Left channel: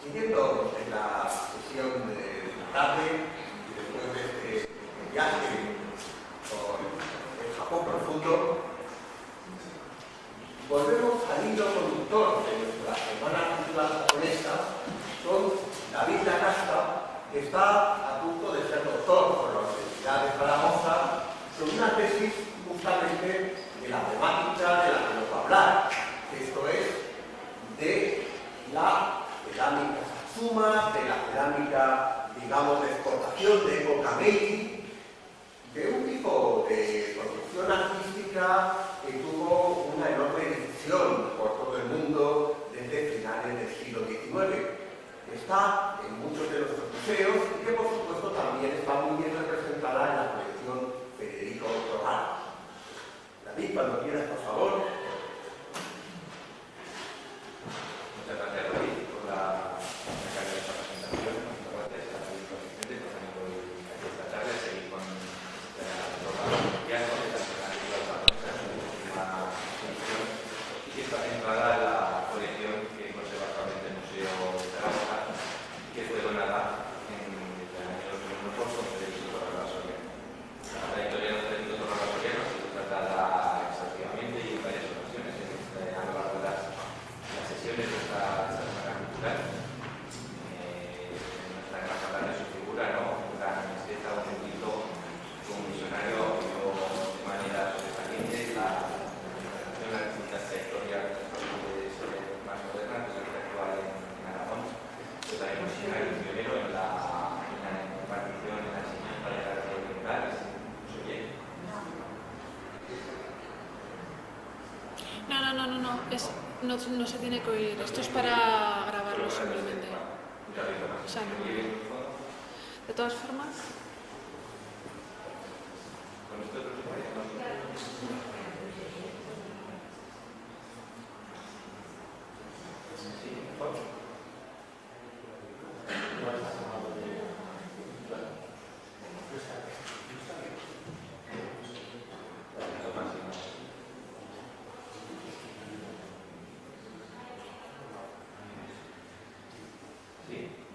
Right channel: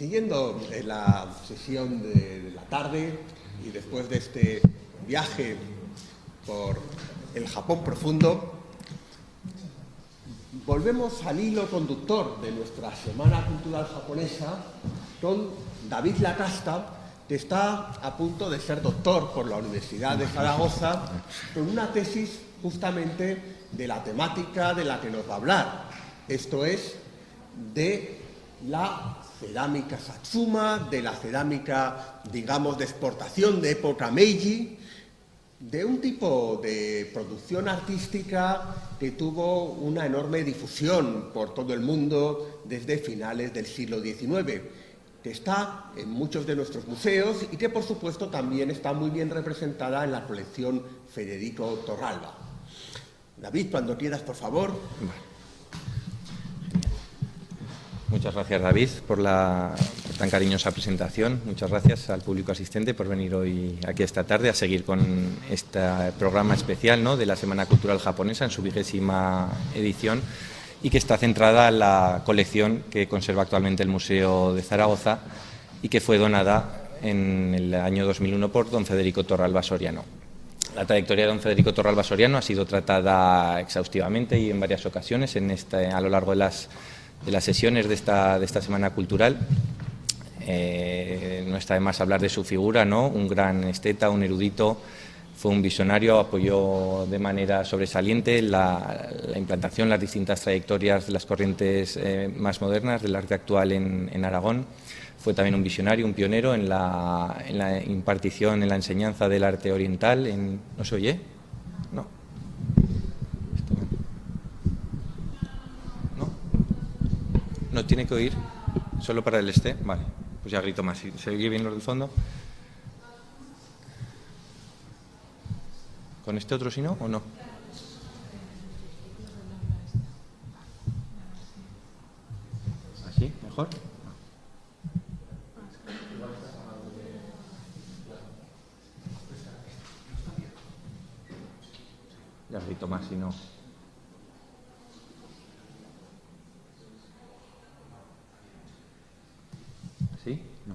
Siguiendo en la sesión de la tarde y después de este viaje por el Japón profundo, volvemos al hilo conductor de nuestra Semana Cultural Japonesa con David Lacasta, que está a punto de ser doctor por la Universidad de Zaragoza, con una tesis justamente de la temática de la que nos va a hablar, esto es, de la cerámica Satsuma, de la cerámica, digamos, de exportación de época Meiji, de un tipo de producción artística que tuvo una enorme difusión por todo el mundo desde finales del siglo XIX, que está en muchos de nuestros museos y que, por supuesto, también está muy bien representada en la colección Federico Torralba. David, cuando quieras, por favor. Muchas gracias, David, por la tan cariñosa presentación. Muchas gracias al público asistente por venir hoy aquí esta tarde a seguir con este programa especial, ¿no?, de la Semana Cultural Japonesa en su 20ª edición y que está centrada en la colección que conserva actualmente el Museo de Zaragoza y que fue donada en el año 2001 por don Federico Torralba Soriano. La trayectoria de don Federico Torralba Soriano ha sido tratada exhaustivamente y en varias ocasiones a lo largo de las sesiones de esta Semana Cultural. No está de más hablar de su figura, ¿no? Un gran esteta, un erudito, fue un visionario, apoyó de manera sobresaliente la implantación, las distintas trayectorias de las corrientes más modernas del arte actual en Aragón. Fue también un visionario, un pionero en la impartición, en la enseñanza del arte oriental. ¿No se oye? No se tiene que oír. No tiene que oír, solo para el este. Sí. Vale, pues ya grito más. ¿Se oye bien lo del fondo? De todas formas. ¿Con este otro sí no o no? ¿Sí? ¿Mejor? Ya grito más y no. ¿Sí? No.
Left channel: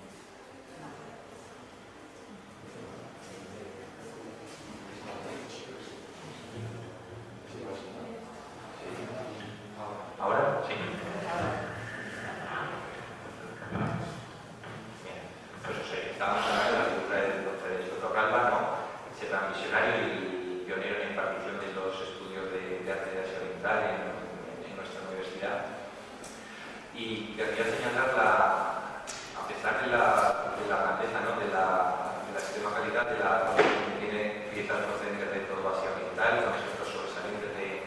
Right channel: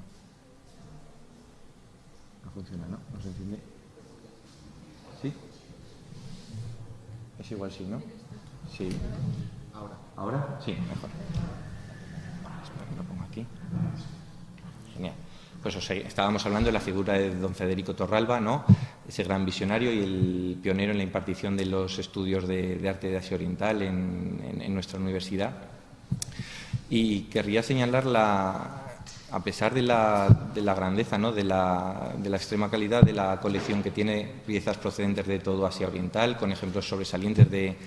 No funciona, ¿no? No funciona. ¿Sí? Es igual, sí, ¿no? Sí. ¿Ahora? Sí. Aquí. Bien. Pues estábamos hablando de la figura de don Federico Torralba, ¿no? Ese gran visionario y el pionero en la impartición de los estudios de arte de Asia Oriental en nuestra universidad. Y querría señalar a pesar de la grandeza, ¿no?, de la extrema calidad de la colección, que tiene piezas procedentes de todo Asia Oriental, con ejemplos sobresalientes de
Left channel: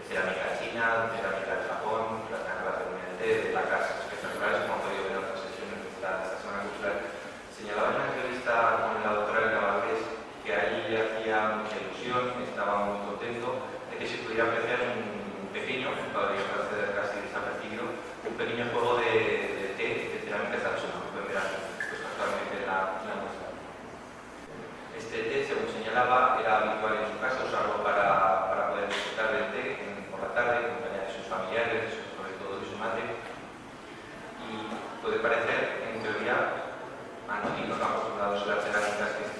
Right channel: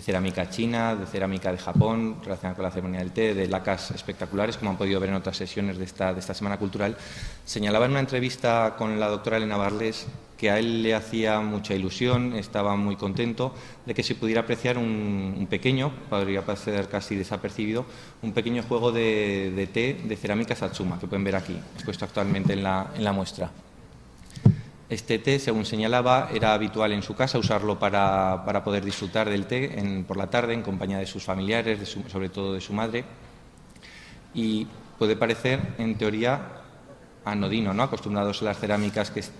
cerámica china, de cerámica de Japón, relacionada con la ceremonia del té, de lacas espectaculares, como han podido ver en otras sesiones de esta Semana Cultural. Señalaba en una entrevista con la doctora Elena Barles que a él le hacía mucha ilusión, estaba muy contento de que se pudiera apreciar un pequeño, podría parecer casi desapercibido, un pequeño juego de té de cerámica Satsuma, que pueden ver aquí, expuesto actualmente en la muestra. Este té, según señalaba, era habitual en su casa usarlo para poder disfrutar del té por la tarde en compañía de sus familiares, sobre todo de su madre, y puede parecer, en teoría, anodino, ¿no?, acostumbrados a las cerámicas, que es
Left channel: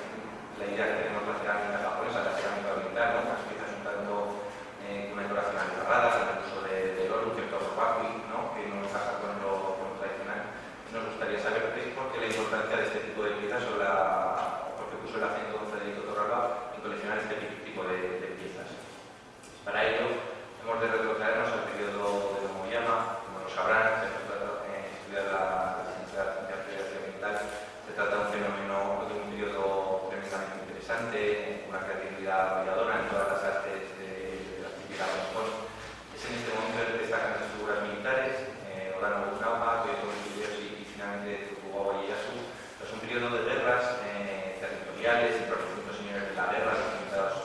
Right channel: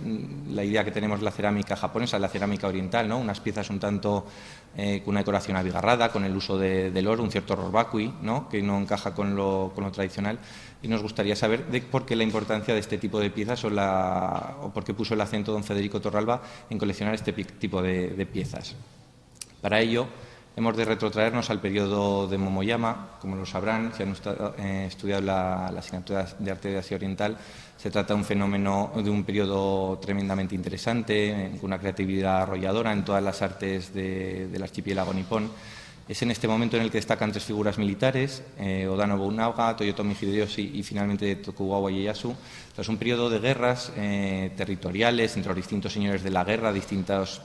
la idea que tenemos de la cerámica japonesa, la cerámica oriental, ¿no?, unas piezas un tanto con una decoración abigarrada, con el uso del oro, un cierto rorbakui, ¿no?, que no encaja con lo tradicional. Y nos gustaría saber por qué la importancia de este tipo de piezas o por qué puso el acento don Federico Torralba en coleccionar este tipo de piezas. Para ello, hemos de retrotraernos al periodo de Momoyama. Como lo sabrán, si han estudiado la asignatura de arte de Asia Oriental, se trata de un fenómeno, de un periodo tremendamente interesante, con una creatividad arrolladora en todas las artes del archipiélago nipón. Es en este momento en el que destacan tres figuras militares, Oda Nobunaga, Toyotomi Hideyoshi y finalmente Tokugawa Ieyasu. Es un periodo de guerras territoriales entre los distintos señores de la guerra, distintos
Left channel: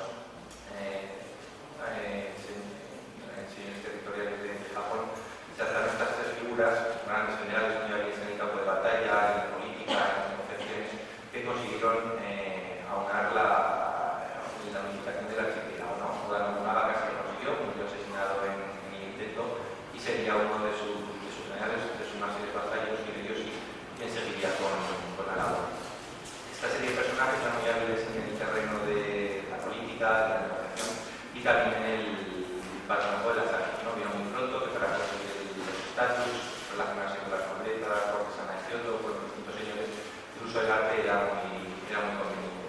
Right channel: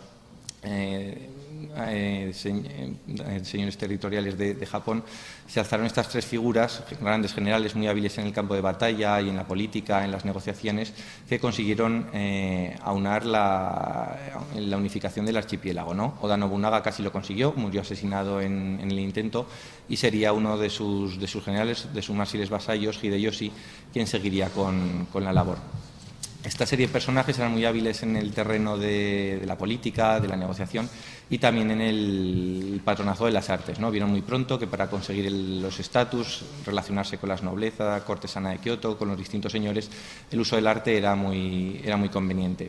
señores territoriales de Japón. Se alzaron estas tres figuras, grandes generales muy hábiles en el campo de batalla y en la política, en las negociaciones, que consiguieron aunar la unificación del archipiélago, ¿no? Oda Nobunaga casi lo consiguió, murió asesinado en el intento, y sería uno de sus generales, de sus más fieles vasallos, Hideyoshi, quién seguiría con la labor. Esta serie de personajes eran muy hábiles en el terreno de la política, de la negociación y también en el patronazgo de las artes, ¿no? Vieron muy pronto que para conseguir los estatus, relacionarse con las nobleza, la cortesana de Kioto, con los distintos señores, el uso del arte era muy conveniente.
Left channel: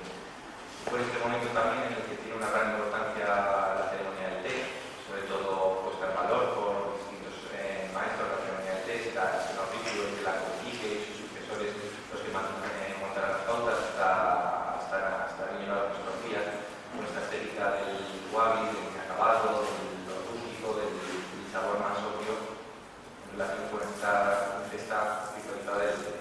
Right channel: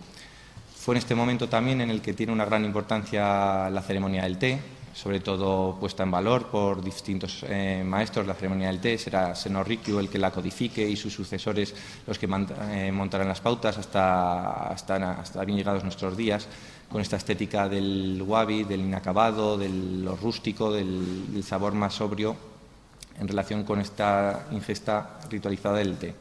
Fue en este momento también en el que tiene una gran importancia la ceremonia del té, sobre todo puesta en valor por distintos maestros. La ceremonia del té será Seno Rikyu el que la codifique y sus sucesores los que montarán las pautas hasta bien llegados nuestros días, con esta estética del wabi, del inacabado, de lo rústico, del sabor más sobrio en relación con esta ingesta ritualizada del té.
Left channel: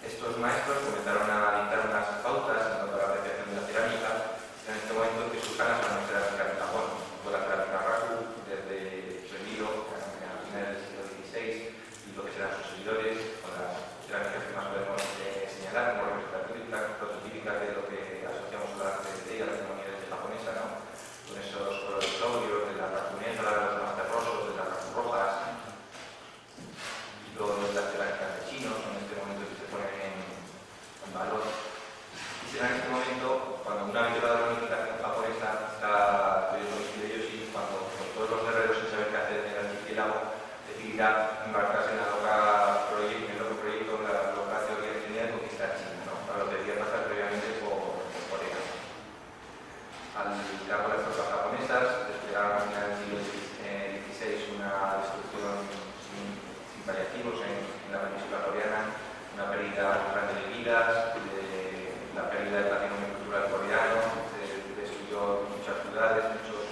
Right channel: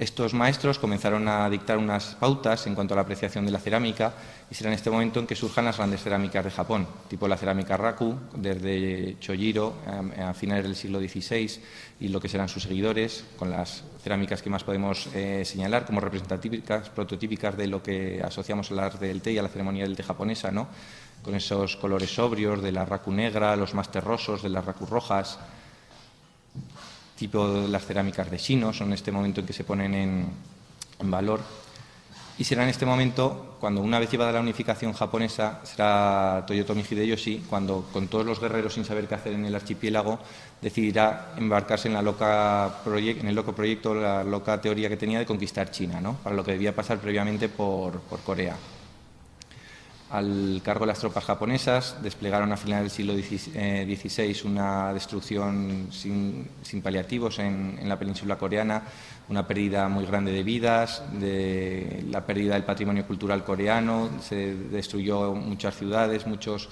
Estos maestros comenzaron a dictar unas pautas en cuanto a la apreciación de la cerámica y será en este momento en que surjan las grandes cerámicas de Japón, tipo la cerámica Raku, desde Chojiro a finales del siglo XVI y lo que serán sus seguidores, con las cerámicas que más podemos señalar como representativas, prototípicas de lo que asociamos al arte del té y a la ceremonia del té japonesa, ¿no? Con esos colores sobrios de la Raku negra, los más terrosos de las Raku rojas, tipo de las cerámicas de Shino, son en este momento en que se ponen en valor. Y será en este momento, cuando una vez llevada la unificación japonesa, será Toyotomi Hideyoshi, cuando con todos los guerreros sin saber qué hacer en el archipiélago, decidirá embarcarse en el loco proyecto, la loca teoría que tenía de conquistar China, ¿no? Para lo que debía pasar previamente por Corea. Al cargo de las tropas japonesas, desplegaron a finales del siglo XVI una destrucción sin paliativos en la península coreana, una pérdida muy grande de vidas, la pérdida del patrimonio cultural coreano, se destruyó muchas ciudades, muchos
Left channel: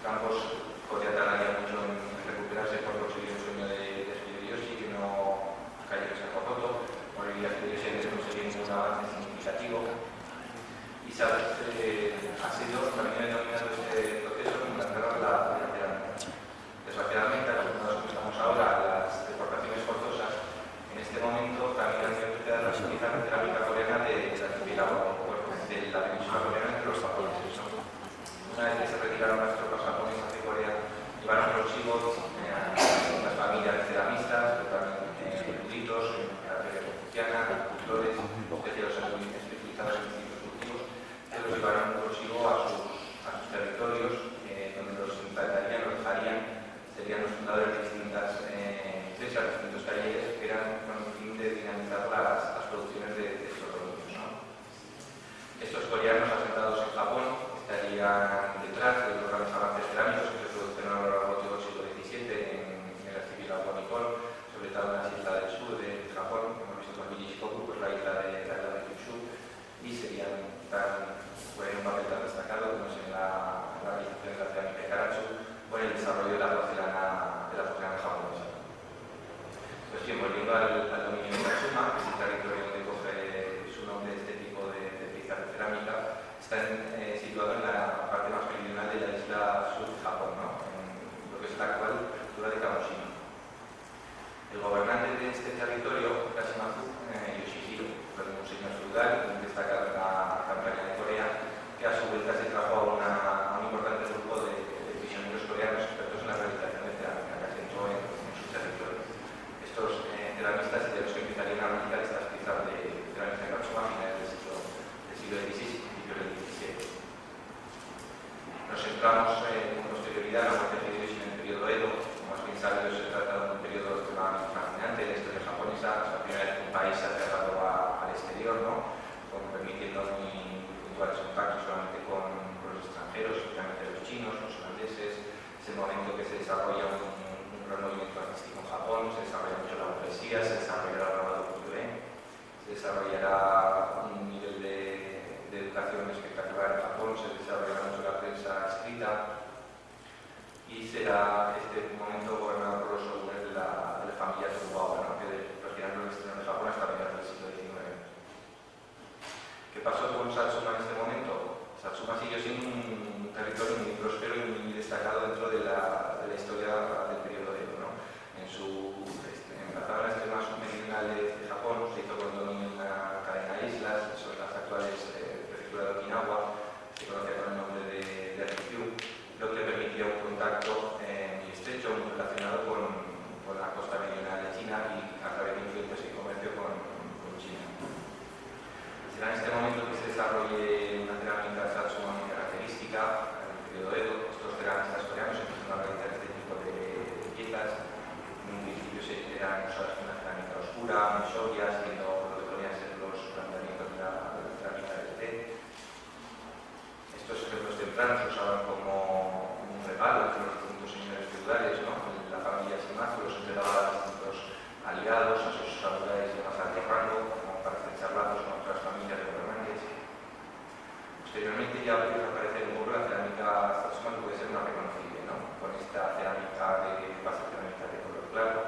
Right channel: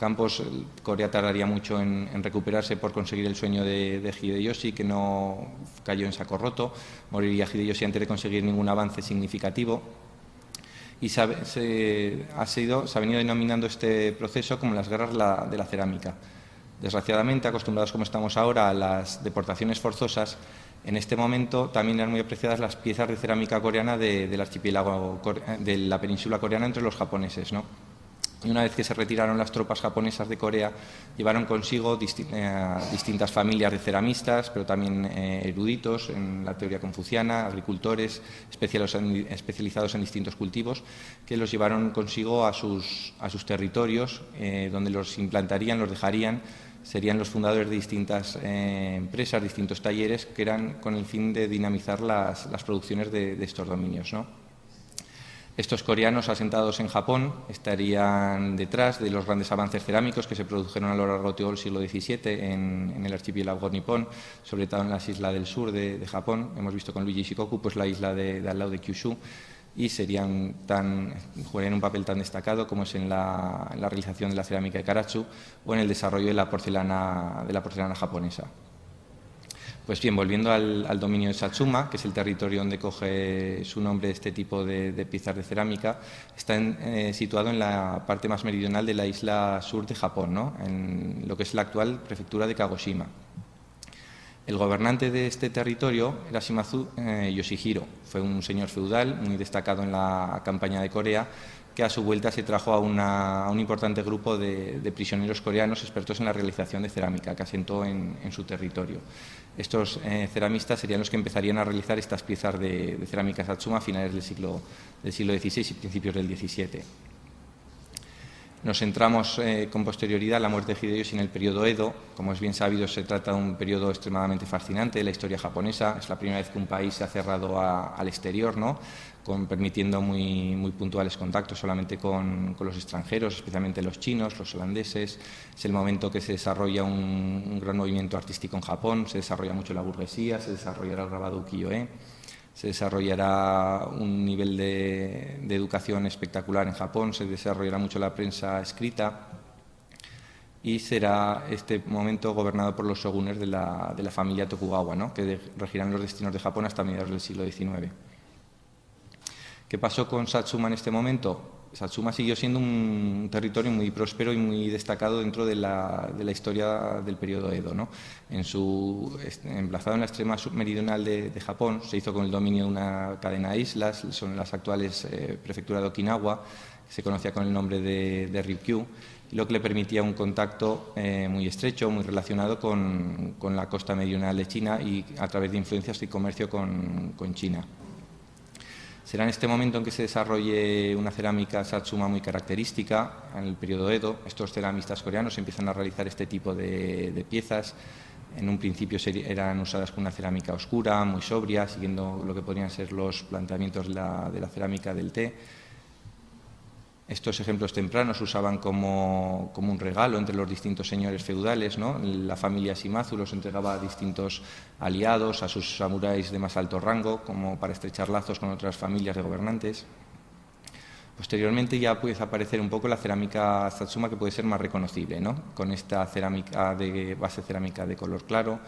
campos. Corea tardaría mucho en recuperarse por conseguir el sueño de Hideyoshi, que no cayó en saco roto. Moriría Hideyoshi antes de conseguir ningún avance significativo. Y se ha venido denominando este proceso como las guerras de la cerámica. Desgraciadamente, acostumbrados como estamos ahora a las deportaciones forzosas, en este momento también eran muy apreciadas las piezas de cerámica coreana del archipiélago de la península coreana entre los japoneses, ¿no? Una vez que se retiraron las tropas japonesas de Corea, llevaron consigo distintas familias de ceramistas, pero también eruditos en la teoría confuciana, agricultores especializados en distintos cultivos, que los llevaron consigo a sus territorios, donde los implantarían, los dejarían. Serían los fundadores de distintas empresas, distintos talleres, que eran con el fin de dinamizar las producciones de estos dominios, ¿no? Estos coreanos asentados en Japón estarían detrás de los grandes avances cerámicos que se produjeron a lo largo de todo el siglo XVII en el archipiélago nipón, sobre todo en las islas del sur de Japón. Hemos visto con Luigi Shikoku, pues la isla de al lado de Kyushu, y jugarían un papel tan destacado como es en la realización de la cerámica de Karatsu o en el desarrollo de la porcelana japonesa. Pues bien, volviendo al dominio de Satsuma, que es el territorio donde coge su nombre este tipo de piezas de cerámica, está situado en la parte más meridional de la isla sur de Japón, ¿no? En lo que es la actual prefectura de Kagoshima. El gobernante de este territorio era Shimazu Yoshihiro. Fue un señor feudal muy destacado en la campaña de Corea, que a su vuelta se trajo a un importante grupo de prisioneros coreanos expertos en la realización de cerámica, que asentó en su territorio. Estos ceramistas serían los que empezarían a realizar estas piezas de cerámica Satsuma a finales del siglo XVI y principios del XVII. Nos centramos con posterioridad en la muerte de Hideyoshi en el periodo Edo. Como es bien sabido, se trata de un periodo extremadamente fascinante de la historia japonesa. Es la primera vez que un país se ha cerrado al exterior, ¿no? Permitiendo muy puntuales contactos solamente con los extranjeros, especialmente los chinos, los holandeses. Es el momento que se desarrolla un gran movimiento artístico en Japón, se desarrolla mucho la burguesía, se desarrollará el grabado ukiyo-e, se desarrollará un nivel de educación espectacular en Japón, se desarrollará mucho la prensa escrita y será este momento gobernado por los shogunes de la familia Tokugawa, ¿no? Que regirán los destinos de Japón hasta mediados del siglo XIX. ¿Qué pasó con Satsuma en este momento? Satsuma siguió siendo un territorio muy próspero y muy destacado dentro de la historia del periodo Edo, ¿no? Emplazado en la extrema submeridional de Japón, se hizo con el dominio de una cadena de islas, son las actuales prefectura de Okinawa, se conocía con el nombre de Ryukyu, lo que le permitía un contacto muy estrecho, muy relacionado con la costa meridional de China y a través de influencias y comercio con China. Será en este momento en que se desarrolle una cerámica Satsuma muy característica, en el periodo Edo. Estos ceramistas coreanos empiezan a realizar este tipo de piezas. En un principio eran usadas con una cerámica oscura, muy sobria, siguiendo lo que podrían ser los planteamientos de la cerámica del té. Estos ejemplos tempranos se usaban como un regalo entre los distintos señores feudales, ¿no? La familia Shimazu los entregaba a distintos aliados, a sus samuráis de más alto rango, como para estrechar lazos con otras familias de gobernantes. Posteriormente ya puede aparecer un poco la cerámica Satsuma, que puede ser más reconocible, ¿no? Con esta cerámica de base cerámica de color claro,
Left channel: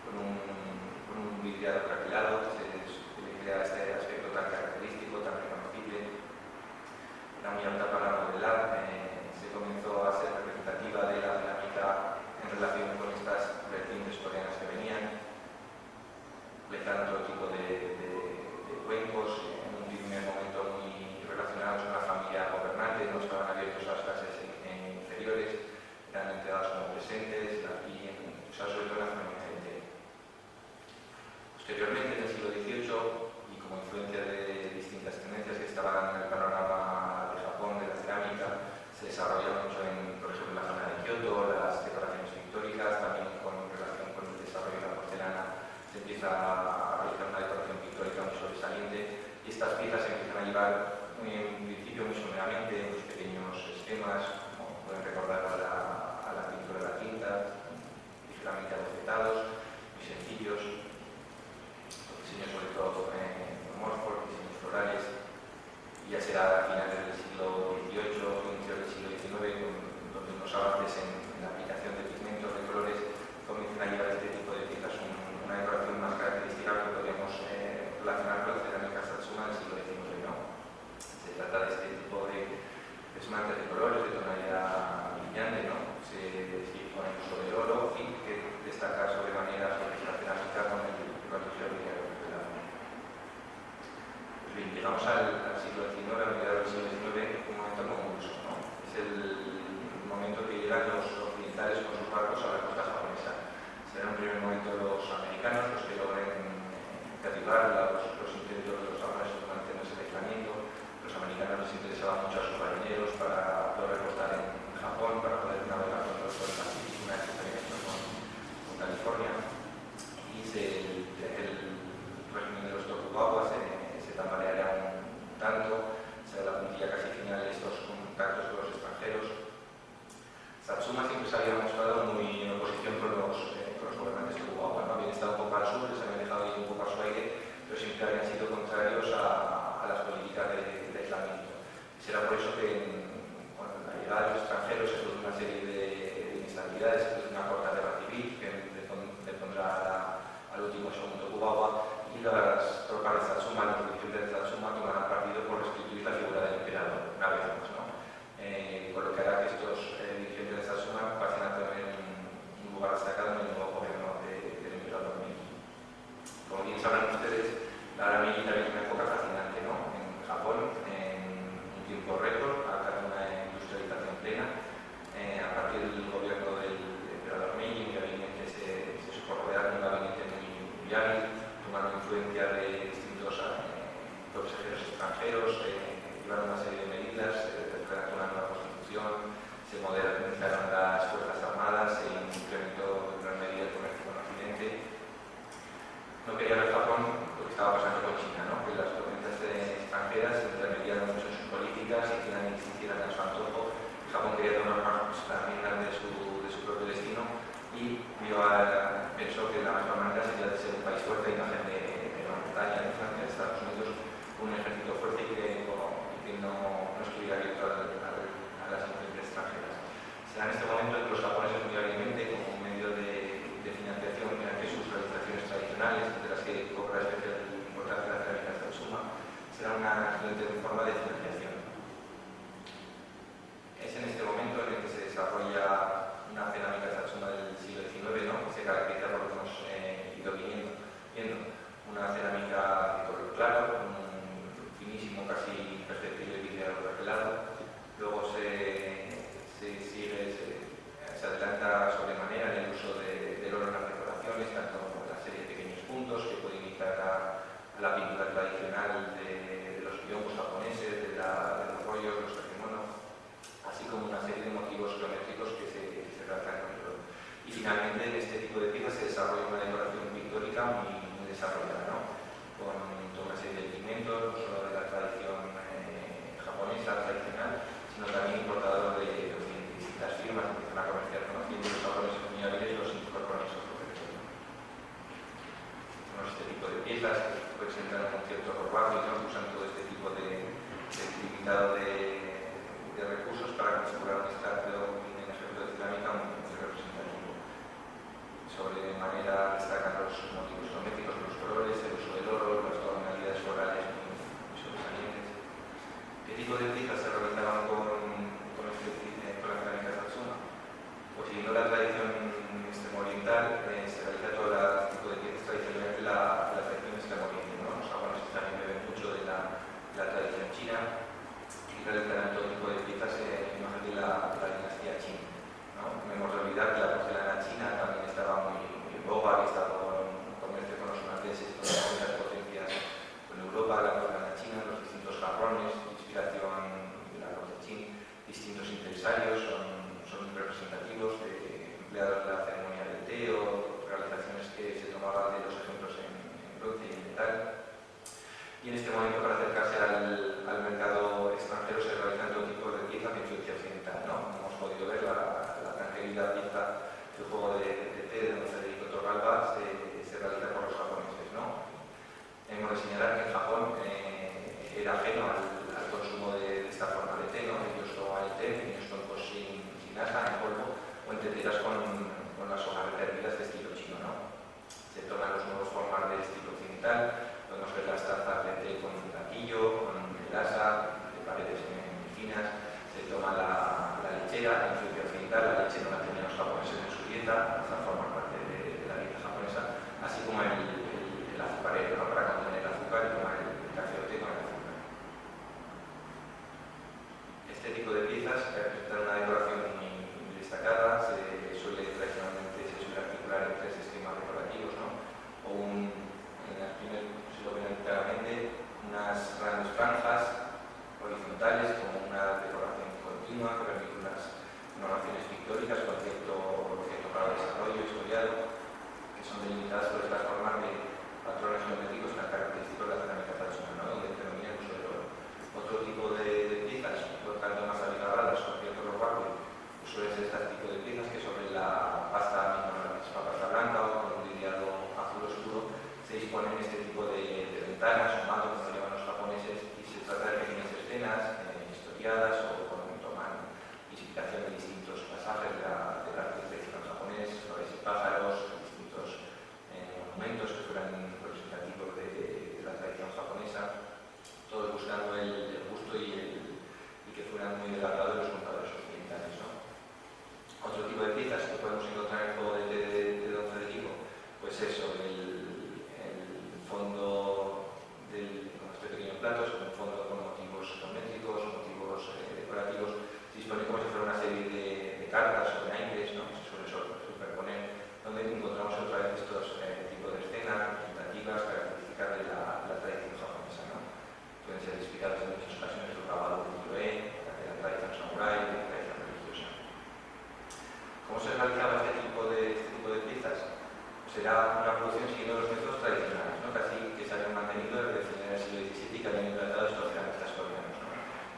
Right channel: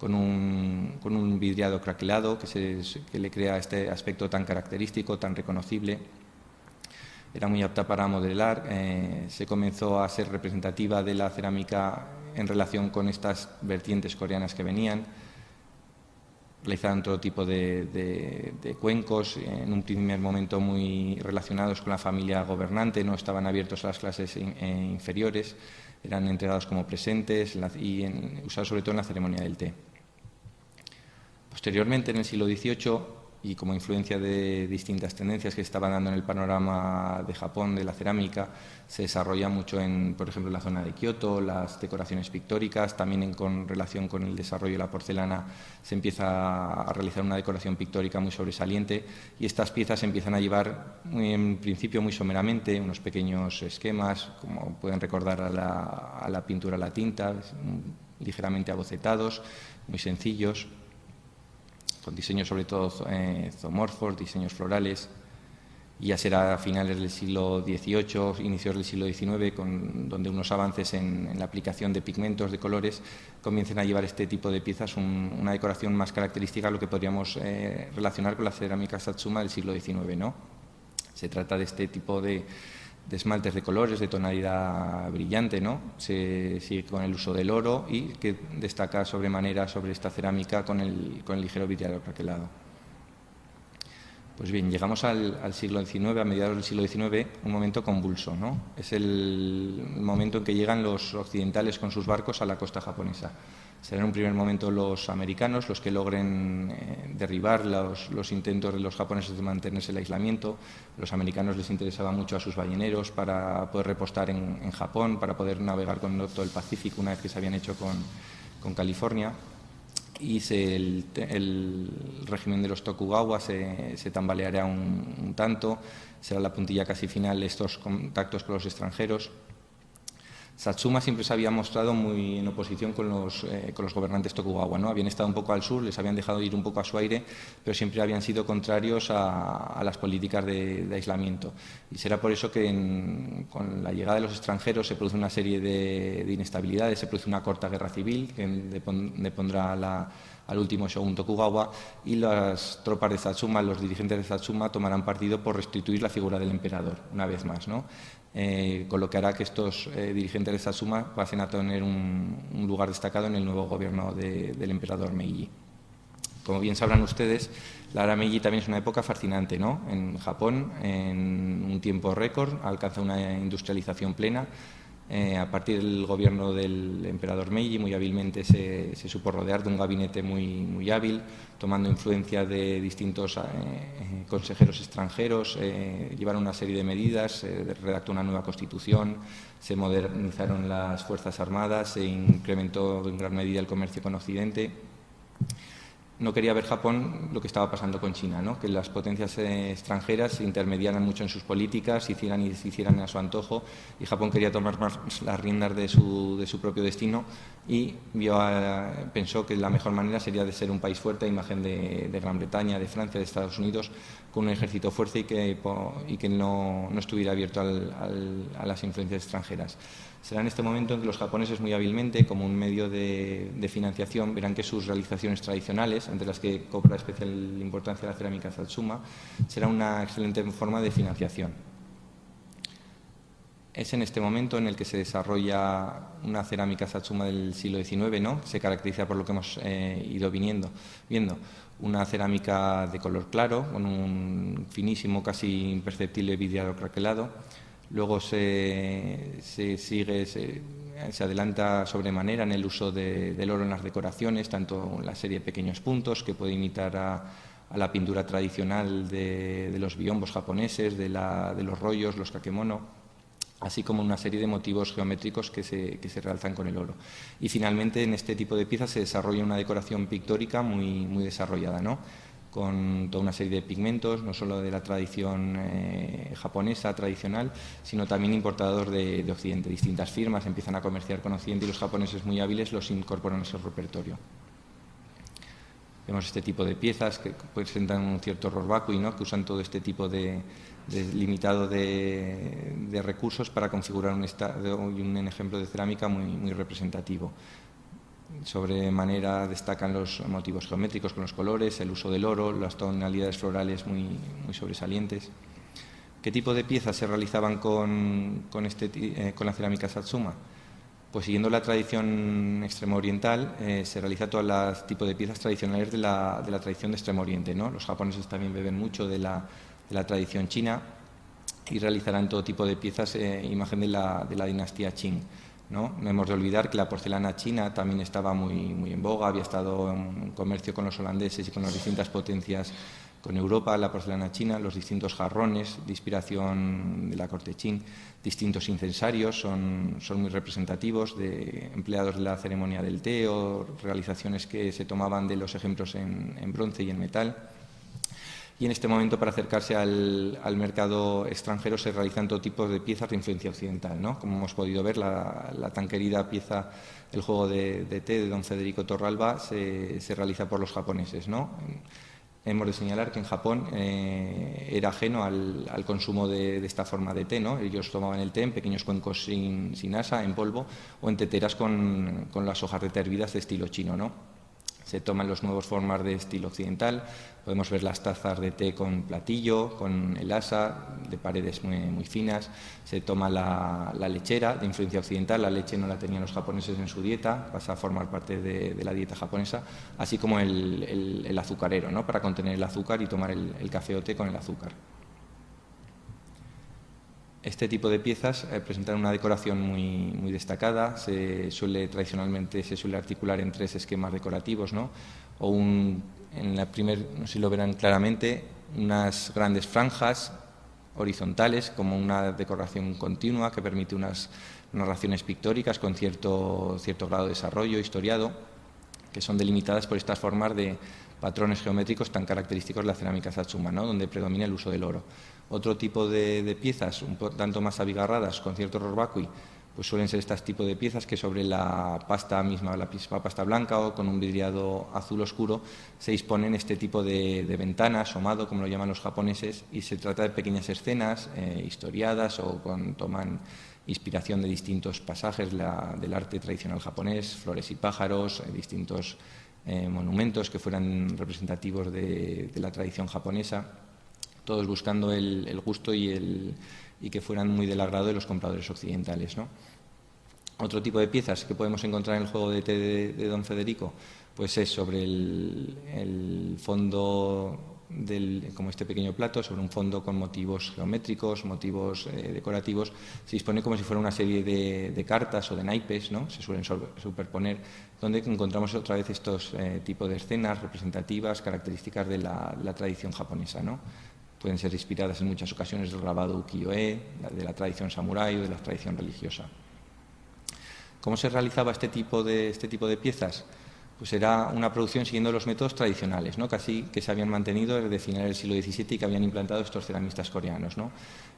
con un vidriado craquelado que le crea este aspecto tan característico, tan reconocible. Era muy apta para modelar, se comenzó a ser representativa de la cerámica en relación con estas vertientes coreanas que venían. Realizaban todo tipo de cuencos, en un primer momento muy relacionados con la familia gobernante, no estaban abiertos a las clases inferiores, eran entregados como presentes y usados sobre todo en la ceremonia del té. Posteriormente, en el siglo XVIII, y como influencia de distintas tendencias que estaban dando en el panorama de Japón, de la cerámica, se desarrolla mucho por ejemplo, en la zona de Kioto, las decoraciones pictóricas, también con relación con el desarrollo de la porcelana se empieza a realizar una decoración pictórica muy sobresaliente y estas piezas se empiezan a llevar en principio muy someramente, unos pequeños esquemas, como pueden recordar a la pintura a la tinta, ligeramente abocetados, muy sencillos, con diseños sobre todo zoomorfos, diseños florales. Y ya será a finales del siglo XVIII, inicios del siglo XIX, donde unos avances en la aplicación de pigmentos, de colores, comiencen a llevar este tipo de piezas una decoración más característica a lo que podríamos relacionar con la cerámica Satsuma del siglo XIX, ¿no? Se trata de este tipo de esmaltes de colores, de tonalidad brillante, ¿no? Se sigue con el uso del oro y que destaca sobremanera sobre esta cerámica con el ligero vidriado craquelado. Pues bien, llegamos al siglo XIX, a mediados del siglo XIX, un momento convulso, ¿no? Es el momento en que llegan los occidentales con sus barcos a la costa japonesa. Serán en un primer momento los americanos los que logren derribar los intentos de los japoneses de mantenerse el aislamiento. Los americanos les interesaba mucho a sus marineros para poder repostar en Japón, para poder navegar con el norte del Pacífico una vez que se habían hecho con California. Y el régimen de los Tokugawa se tambaleará un tanto, será la puntilla casi final de estos contactos con los extranjeros. Satsuma siempre se había mostrado muy en oposición con los gobernantes Tokugawa, ¿no? Habían estado un poco al sur, les habían dejado ir un poco a su aire, pero siempre habían sido contrarios a las políticas de aislamiento. Y será por eso que con la llegada de los extranjeros se produce una serie de inestabilidades, se produce una corta guerra civil que depondrá al último Shogun Tokugawa, y las tropas de Satsuma, los dirigentes de Satsuma, tomarán partido por restituir la figura del emperador, una vez más, ¿no? Con lo que hará que estos dirigentes de Satsuma pasen a tener un lugar destacado en el nuevo gobierno del emperador Meiji. Como bien sabrán ustedes, la era Meiji también es una época fascinante, ¿no? En Japón, en un tiempo récord, alcanza una industrialización plena. A partir del gobierno del emperador Meiji, muy hábilmente se supo rodear de un gabinete muy hábil, tomando influencia de distintos consejeros extranjeros, llevaron una serie de medidas, se redactó una nueva constitución, se modernizaron las fuerzas armadas, se incrementó en gran medida el comercio con Occidente. No quería ver Japón lo que estaba pasando con China, ¿no? Que las potencias extranjeras se intermediaran mucho en sus políticas, hicieran y deshicieran a su antojo, y Japón quería tomar más las riendas de su propio destino y pensó que la mejor manera sería de ser un país fuerte a imagen de Gran Bretaña, de Francia, de Estados Unidos, con un ejército fuerte y que no estuviera abierto a las influencias extranjeras. Será en este momento en que los japoneses, muy hábilmente, como un medio de financiación, verán que sus realizaciones tradicionales, entre las que cobra especial importancia la cerámica Satsuma, será una excelente forma de financiación. Es en este momento en el que se desarrolla una cerámica Satsuma del siglo XIX, ¿no? Se caracteriza por lo que hemos ido viendo. una cerámica de color claro, con un finísimo, casi imperceptible vidriado craquelado. Luego se adelanta sobremanera en el uso del oro en las decoraciones, tanto en la serie de pequeños puntos, que puede imitar a la pintura tradicional de los biombos japoneses, de los rollos, los kakemono, así como una serie de motivos geométricos que se realzan con el oro. Y finalmente en este tipo de piezas se desarrolla una decoración pictórica muy desarrollada, ¿no? Con toda una serie de pigmentos, no solo de la tradición japonesa tradicional, sino también importados de Occidente. Distintas firmas empiezan a comerciar con Occidente y los japoneses muy hábiles los incorporan a su repertorio. Vemos este tipo de piezas que presentan un cierto horror vacui, ¿no? Que usan todo este tipo de limitado de recursos para configurar un ejemplo de cerámica muy representativo. Sobremanera destacan los motivos geométricos con los colores, el uso del oro, las tonalidades florales muy sobresalientes. ¿Qué tipo de piezas se realizaban con la cerámica Satsuma? Pues siguiendo la tradición extremo oriental, se realiza todo el tipo de piezas tradicionales de la tradición de Extremo Oriente, ¿no? Los japoneses también beben mucho de la tradición china y realizarán todo tipo de piezas imagen de la dinastía Qing, ¿no? No hemos de olvidar que la porcelana china también estaba muy en boga, había estado en comercio con los holandeses y con las distintas potencias con Europa, la porcelana china, los distintos jarrones de inspiración de la corte Qing, distintos incensarios son muy representativos, empleados de la ceremonia del té o realizaciones que se tomaban de los ejemplos en bronce y en metal. Y en este momento, para acercarse al mercado extranjero, se realizan todo tipo de piezas de influencia occidental, ¿no? Como hemos podido ver, la tan querida pieza El juego de té de don Federico Torralba se realiza por los japoneses, ¿no? Hemos de señalar que en Japón era ajeno al consumo de esta forma de té, ¿no? Ellos tomaban el té en pequeños cuencos sin asa, en polvo, o en teteras con las hojas de té hervidas de estilo chino, ¿no? Se toman los nuevos formas de estilo occidental. Podemos ver las tazas de té con platillo, con el asa, de paredes muy finas. Se toma la lechera de influencia occidental. La leche no la tenían los japoneses en su dieta, pasa a formar parte de la dieta japonesa, así como el azucarero, ¿no? Para contener el azúcar y tomar el café o té con el azúcar. Este tipo de piezas presentan una decoración muy destacada. Tradicionalmente se suele articular en 3 esquemas decorativos, ¿no? En la primera, si lo verán claramente, unas grandes franjas horizontales como una decoración continua que permite unas narraciones pictóricas con cierto grado de desarrollo historiado, que son delimitadas por estas formas de patrones geométricos tan característicos de la cerámica Satsuma, ¿no? Donde predomina el uso del oro. Otro tipo de piezas, un tanto más abigarradas, con cierto horror vacui, pues suelen ser este tipo de piezas que sobre la pasta misma, la misma pasta blanca o con un vidriado azul oscuro, se disponen este tipo de ventanas, somado, como lo llaman los japoneses, y se trata de pequeñas escenas historiadas o toman inspiración de distintos pasajes del arte tradicional japonés, flores y pájaros, distintos monumentos que fueran representativos de la tradición japonesa, todos buscando el gusto y que fueran muy del agrado de los compradores occidentales, ¿no? Otro tipo de piezas que podemos encontrar en el juego de té de don Federico, pues es sobre el fondo como este pequeño plato, sobre un fondo con motivos geométricos, motivos decorativos. Se dispone como si fuera una serie de cartas o de naipes, ¿no? Se suelen superponer, donde encontramos otra vez estos tipos de escenas representativas, características de la tradición japonesa, ¿no? Pueden ser inspiradas en muchas ocasiones del grabado ukiyo-e, de la tradición samurái o de la tradición religiosa. ¿Cómo se realizaba este tipo de piezas? Pues era una producción siguiendo los métodos tradicionales, ¿no? Casi que se habían mantenido desde finales del siglo XVII y que habían implantado estos ceramistas coreanos, ¿no?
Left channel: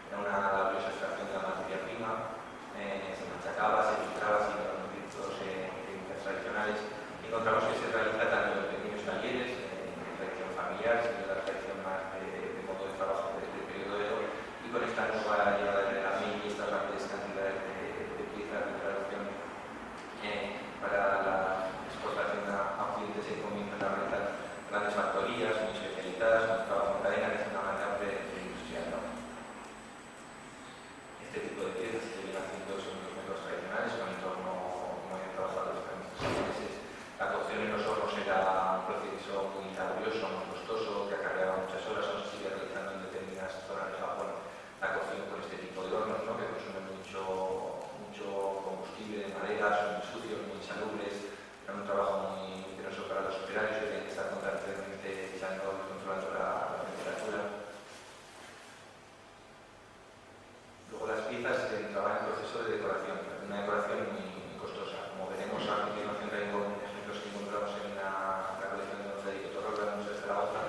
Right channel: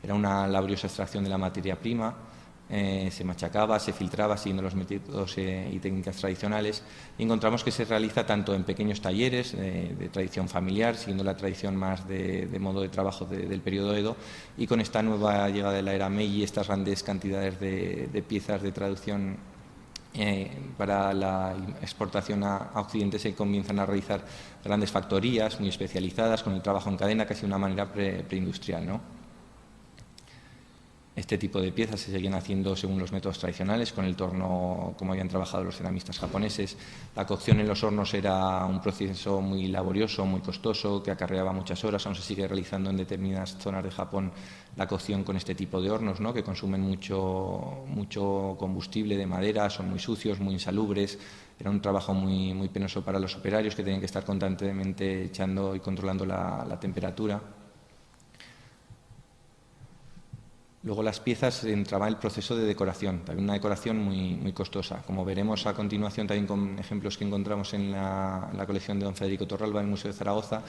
Era una laboriosa extracción de la materia prima, se machacaba, se filtraba siguiendo los métodos y técnicas tradicionales, y encontramos que se realiza tanto en pequeños talleres de tradición familiar, siguiendo la tradición más de modo de trabajo del periodo Edo, y con esta nueva llegada de la era Meiji, estas grandes cantidades de piezas de traducción para la exportación a Occidente, se comienzan a realizar grandes factorías muy especializadas con el trabajo en cadena, casi de una manera preindustrial, ¿no? Este tipo de piezas se siguen haciendo según los métodos tradicionales, con el torno como habían trabajado los ceramistas japoneses. La cocción en los hornos era un proceso muy laborioso, muy costoso, que acarreaba muchas horas. Aún se sigue realizando en determinadas zonas de Japón la cocción con este tipo de hornos, ¿no?, que consumen mucho combustible de madera, son muy sucios, muy insalubres. Era un trabajo muy penoso para los operarios, que tenían que estar constantemente echando y controlando la temperatura. Luego las piezas entraba el proceso de decoración, también una decoración muy costosa. Como veremos a continuación también con ejemplos que encontramos en la colección de don Federico Torralba en el Museo de Zaragoza,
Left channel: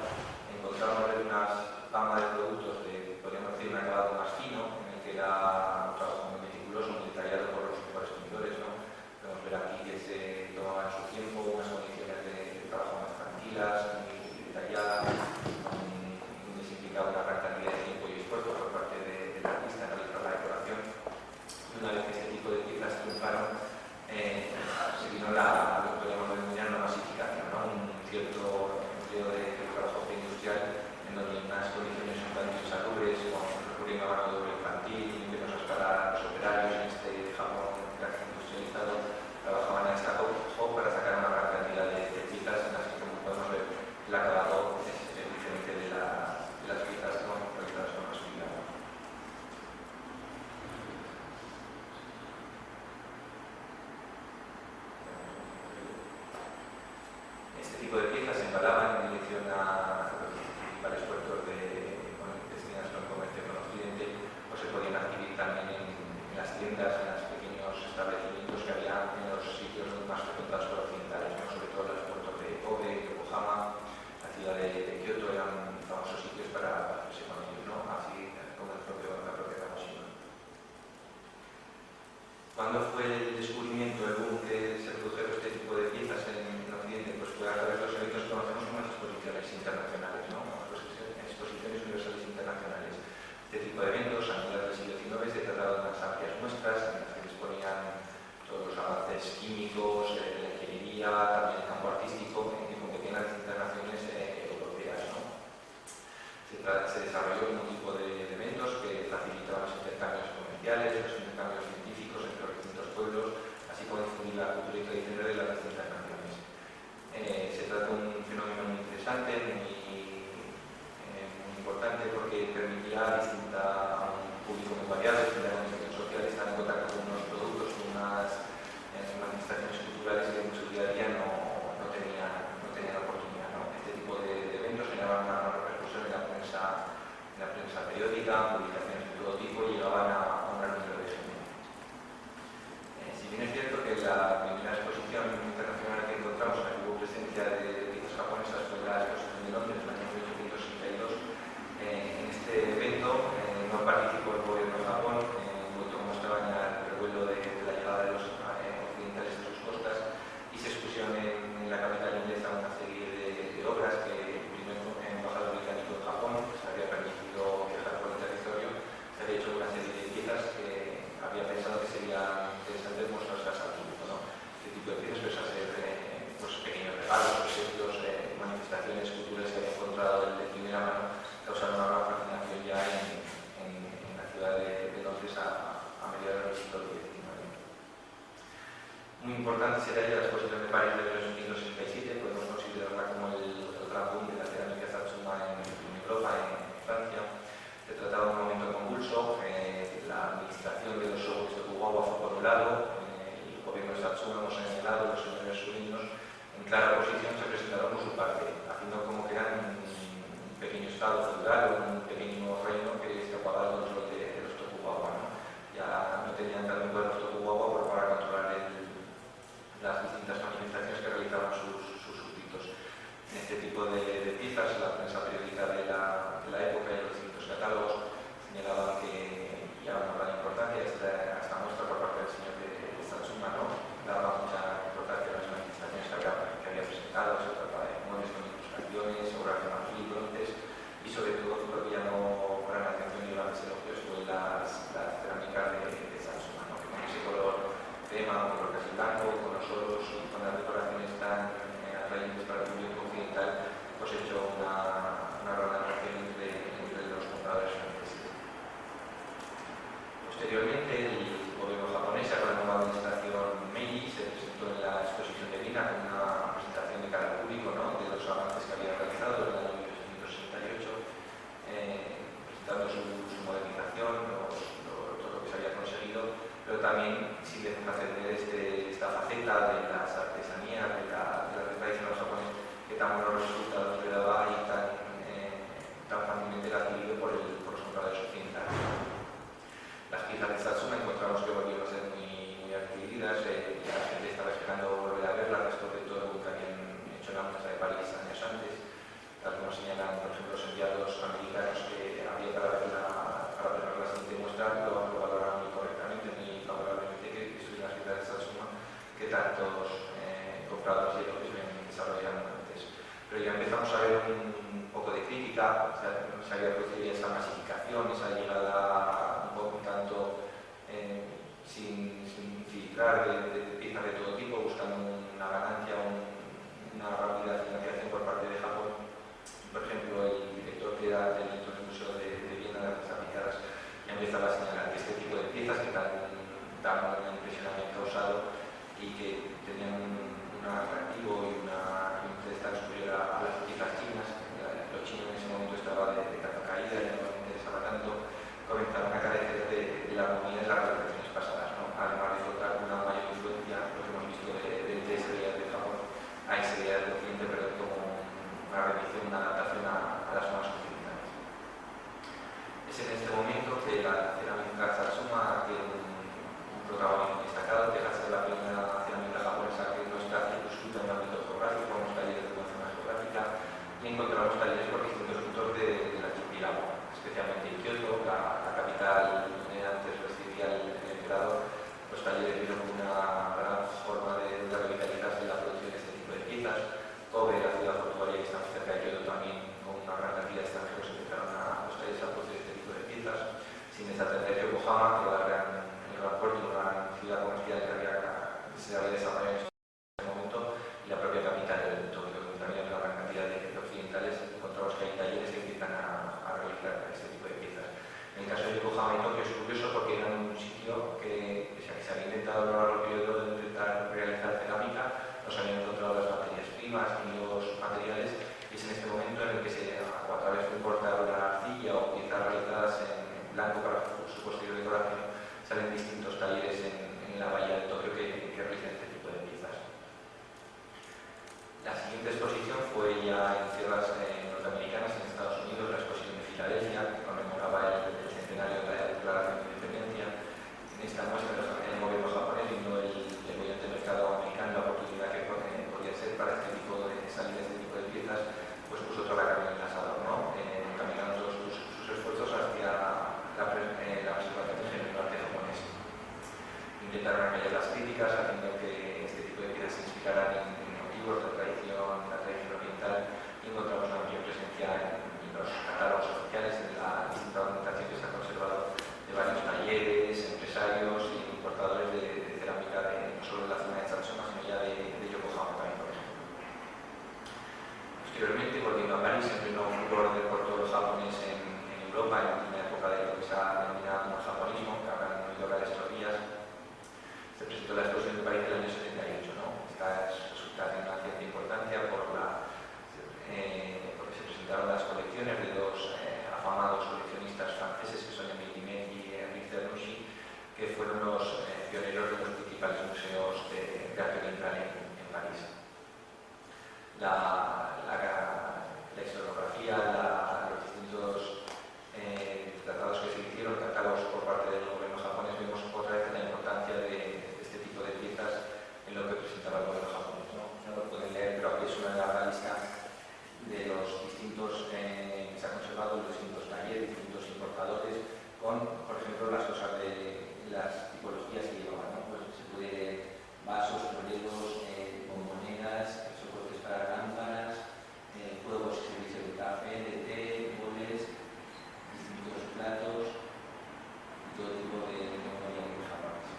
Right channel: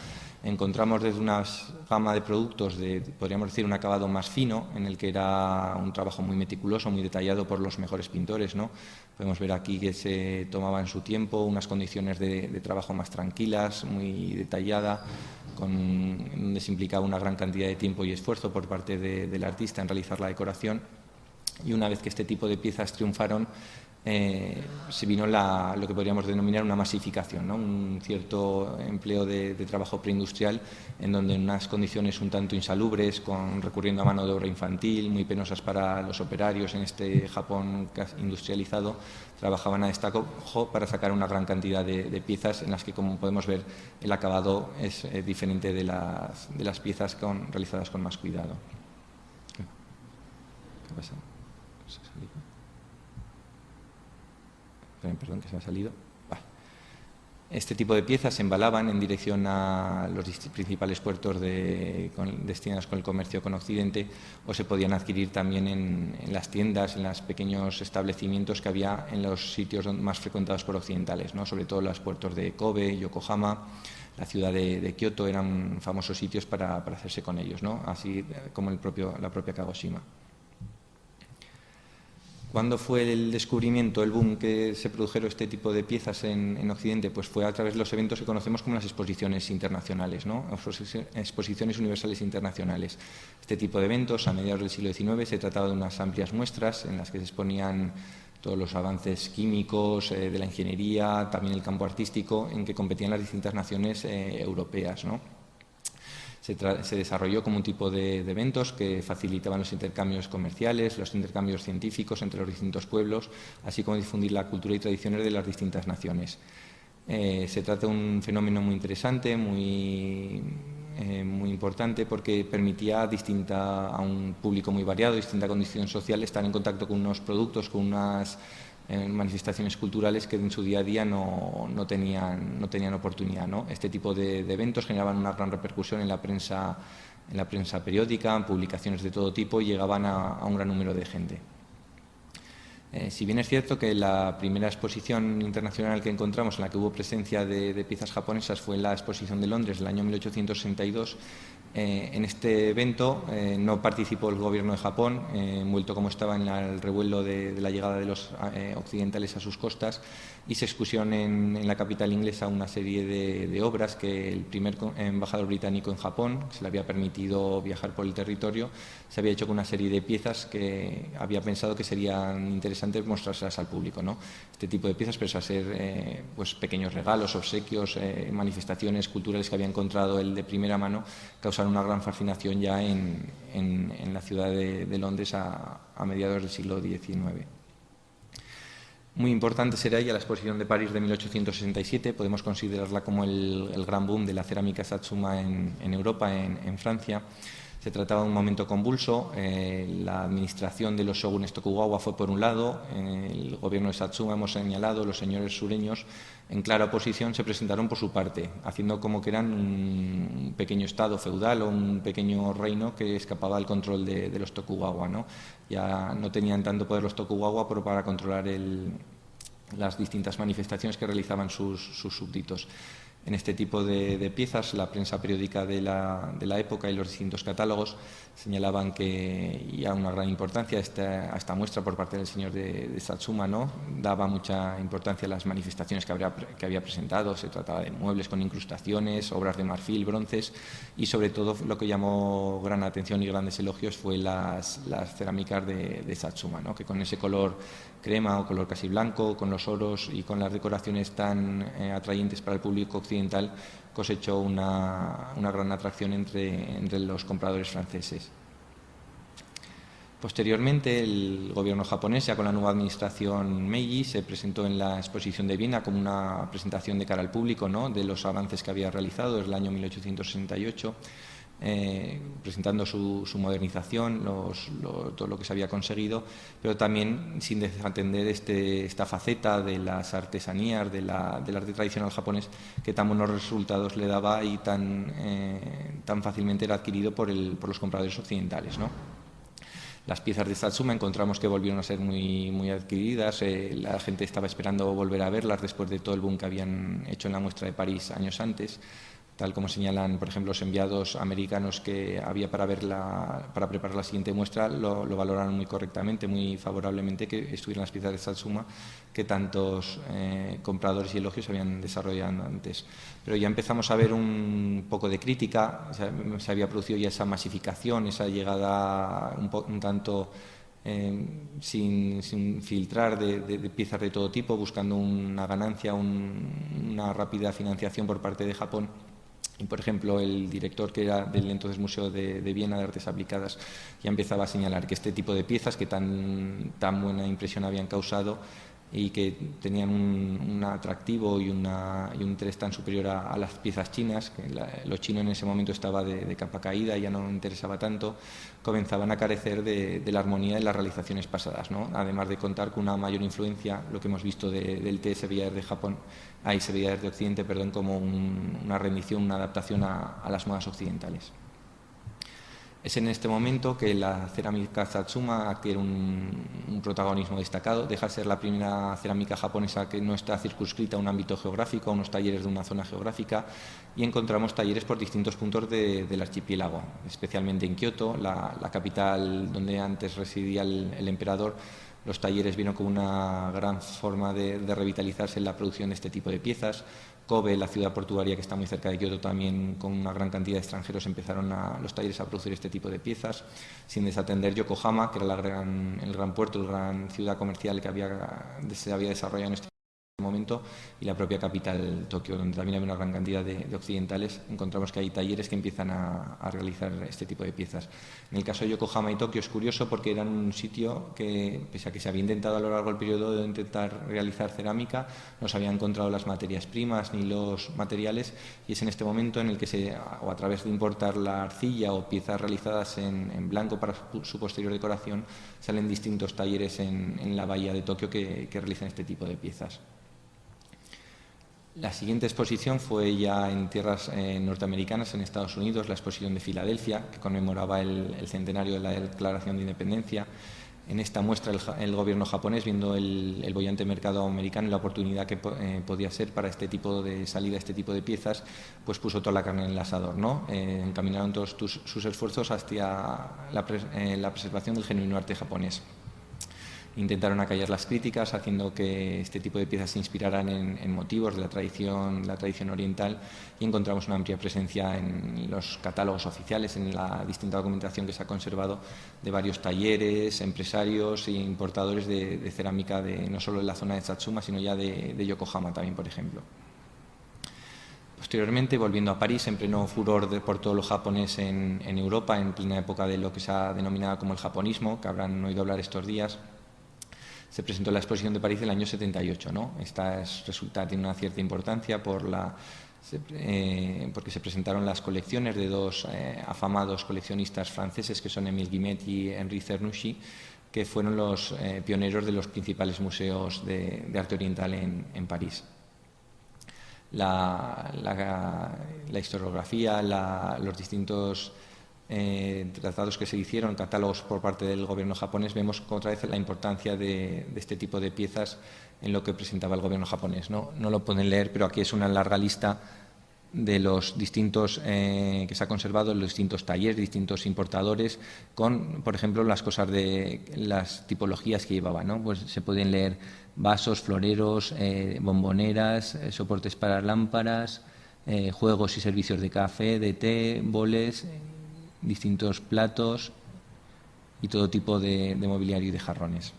encontramos desde una gama de productos de, podríamos decir, un acabado más fino, en el que era un trabajo muy meticuloso, muy detallado por los mejores pintores, ¿no? Podemos ver aquí que se tomaba en su tiempo unas condiciones de trabajo más tranquilas, muy detallada, donde se implicaba una gran cantidad de tiempo y esfuerzo por parte del artista en realizar la decoración. Y una vez que este tipo de piezas triunfaron, se vino lo que podríamos denominar una masificación, ¿no?, un cierto empleo de trabajo preindustrial, en donde en unas condiciones un tanto insalubres, recurriendo a mano de obra infantil, muy penosas para los operarios en este Japón industrializado, trabajaban a destajo para sacar una gran cantidad de piezas en las que, como podemos ver, el acabado es diferente de las piezas realizadas con más cuidado. Perdón, que se han salido. Este tipo de piezas se embalaban en dirección a los principales puertos destinados con el comercio con Occidente, o se podían adquirir también en las tiendas, en los pequeños establecimientos que había en los sitios más frecuentados por occidentales, ¿no?, sobre todo los puertos de Kobe, Yokohama, la ciudad de Kioto, eran famosos sitios para hacerse con ellos, ¿no?, así como la propia Kagoshima. ¿Cuándo fue el descubrimiento, el boom que se produjeron este tipo de piezas en Occidente? Pues fue a través de los eventos que conocemos como las exposiciones internacionales, ¿no?, exposiciones universales internacionales. Este tipo de eventos, a mediados del siglo XIX, se trataba de unas amplias muestras en las que se exponían todos los avances químicos, de la ingeniería, también el campo artístico, en que competían las distintas naciones europeas, ¿no? Se desarrolló como un tipo de eventos que facilitaban los intercambios comerciales, los intercambios científicos entre los distintos pueblos, así como difundir la cultura y tradiciones de las distintas naciones. Se trata de un fenómeno muy interesante, muy importante, porque permitía a un público muy variado, distinta condición social, estar en contacto con unos productos, con unas manifestaciones culturales que en su día a día no tenían oportunidad, ¿no? Este tipo de eventos generaban una gran repercusión en la prensa periódica, publicaciones de todo tipo, y llegaban a un gran número de gente. Si bien es cierto que la primera exposición internacional que encontramos en la que hubo presencia de piezas japonesas fue en la exposición de Londres del año 1862, en este evento no participó el gobierno de Japón, envuelto como estaba en el revuelo de la llegada de los occidentales a sus costas, y se expusieron en la capital inglesa una serie de obras que el primer embajador británico en Japón, que se le había permitido viajar por el territorio, se había hecho con una serie de piezas que había pensado que serían interesantes mostrárselas al público, ¿no? Este tipo de piezas, pero a ser pues pequeños regalos, obsequios, manifestaciones culturales que había encontrado él de primera mano, causaron una gran fascinación ya en la ciudad de Londres a mediados del siglo XIX. Muy importante será ya la exposición de París de 1867, podemos considerarla como el gran boom de la cerámica Satsuma en Europa, en Francia. Se trataba de un momento convulso, la administración de los shogunes Tokugawa fue por un lado, el gobierno de Satsuma, hemos señalado, los señores sureños, en clara oposición, se presentaron por su parte, haciendo como que eran un pequeño estado feudal o un pequeño reino que escapaba al control de los Tokugawa, ¿no? Ya no tenían tanto poder los Tokugawa para controlar las distintas manifestaciones que realizaban sus súbditos. En este tipo de piezas, la prensa periódica de la época y los distintos catálogos señalaban que ya una gran importancia a esta muestra por parte del señor de Satsuma, ¿no? Daba mucha importancia a las manifestaciones que había presentado. Se trataba de muebles con incrustaciones, obras de marfil, bronces, y sobre todo lo que llamó gran atención y grandes elogios fue las cerámicas de Satsuma, ¿no?, que con ese color crema o color casi blanco, con los oros y con las decoraciones tan atrayentes para el público occidental, cosechó una gran atracción entre los compradores franceses. Posteriormente, el gobierno japonés, ya con la nueva administración Meiji, se presentó en la exposición de Viena como una presentación de cara al público, ¿no?, de los avances que había realizado desde el año 1868, presentando su modernización, todo lo que se había conseguido, pero también sin desatender esta faceta de las artesanías, del arte tradicional japonés, que tan buenos resultados le daba y tan fácilmente era adquirido por los compradores occidentales, ¿no? Las piezas de Satsuma encontramos que volvieron a ser muy adquiridas, la gente estaba esperando volver a verlas después de todo el boom que habían hecho en la muestra de París años antes, tal como señalan, por ejemplo, los enviados americanos que había para preparar la siguiente muestra, lo valoraron muy correctamente, muy favorablemente, que estuvieran las piezas de Satsuma que tantos compradores y elogios habían desarrollado antes. Pero ya empezamos a ver un poco de crítica, o sea, se había producido ya esa masificación, esa llegada un tanto sin filtrar de piezas de todo tipo, buscando una ganancia, una rápida financiación por parte de Japón. Y, por ejemplo, el director, que era del entonces Museo de Viena de Artes Aplicadas, ya empezaba a señalar que este tipo de piezas que tan buena impresión habían causado y que tenían un atractivo y un interés tan superior a las piezas chinas, que lo chino en ese momento estaba de capa caída, ya no interesaba tanto, comenzaban a carecer de la armonía de las realizaciones pasadas, ¿no? Además de contar con una mayor influencia, lo que hemos visto del té se veía desde Japón, ahí se veía desde Occidente, perdón, como una rendición, una adaptación a las nuevas occidentales. Es en este momento que la cerámica Satsuma adquiere un protagonismo destacado, deja de ser la primera cerámica japonesa que no está circunscrita a un ámbito geográfico, a unos talleres de una zona geográfica, y encontramos talleres por distintos puntos del archipiélago, especialmente en Kioto, la capital donde antes residía el emperador. Los talleres vieron como una gran forma de revitalizarse en la producción de este tipo de piezas. Kobe, la ciudad portuaria que está muy cerca de Kioto, también con una gran cantidad de extranjeros empezaron los talleres a producir este tipo de piezas, sin desatender Yokohama, que era el gran puerto, la gran ciudad comercial que se había desarrollado en este momento, y la propia capital, Tokio, donde también hay una gran cantidad de occidentales. Encontramos que hay talleres que empiezan a realizar este tipo de piezas. En el caso de Yokohama y Tokio es curioso porque eran un sitio que, pese a que se había intentado a lo largo del periodo de intentar realizar cerámica, no se habían encontrado las materias primas ni los materiales, y es en este momento en el que o a través de importar la arcilla o piezas realizadas en blanco para su posterior decoración, salen distintos talleres en la bahía de Tokio que realizan este tipo de piezas. La siguiente exposición fue ya en tierras norteamericanas, en Estados Unidos, la exposición de Filadelfia, que conmemoraba el centenario de la Declaración de Independencia. En esta muestra el gobierno japonés, viendo el bollante mercado americano y la oportunidad que podía ser para este tipo de salida, este tipo de piezas, pues puso toda la carne en el asador, ¿no? Encaminaron todos sus esfuerzos hacia la preservación del genuino arte japonés. Intentaron acallar las críticas, haciendo que este tipo de piezas se inspiraran en motivos de la tradición oriental, y encontramos una amplia presencia en los catálogos oficiales, en la distinta documentación que se ha conservado de varios talleres, empresarios e importadores de cerámica no solo de la zona de Satsuma, sino ya de Yokohama también, por ejemplo. Posteriormente, volviendo a París, en pleno furor por todo lo japonés en Europa, en plena época de lo que se ha denominado como el japonismo, que habrán oído hablar estos días, se presentó la exposición de París del año 78, ¿no? Esta tiene una cierta importancia porque se presentaron las colecciones de dos afamados coleccionistas franceses, que son Émile Guimet y Henri Cernouchy, que fueron los pioneros de los principales museos de arte oriental en París. La historiografía, los distintos tratados que se hicieron, catálogos por parte del gobierno japonés, vemos otra vez la importancia de este tipo de piezas en lo que presentaba el gobierno japonés. No lo pueden leer, pero aquí es una larga lista de los distintos que se ha conservado, los distintos talleres, distintos importadores, con, por ejemplo, las cosas de las tipologías que llevaban, ¿no? Pues se pueden leer vasos, floreros, bomboneras, soportes para lámparas, juegos y servicios de café, de té, boles, distintos platos y todo tipo de mobiliario y de jarrones.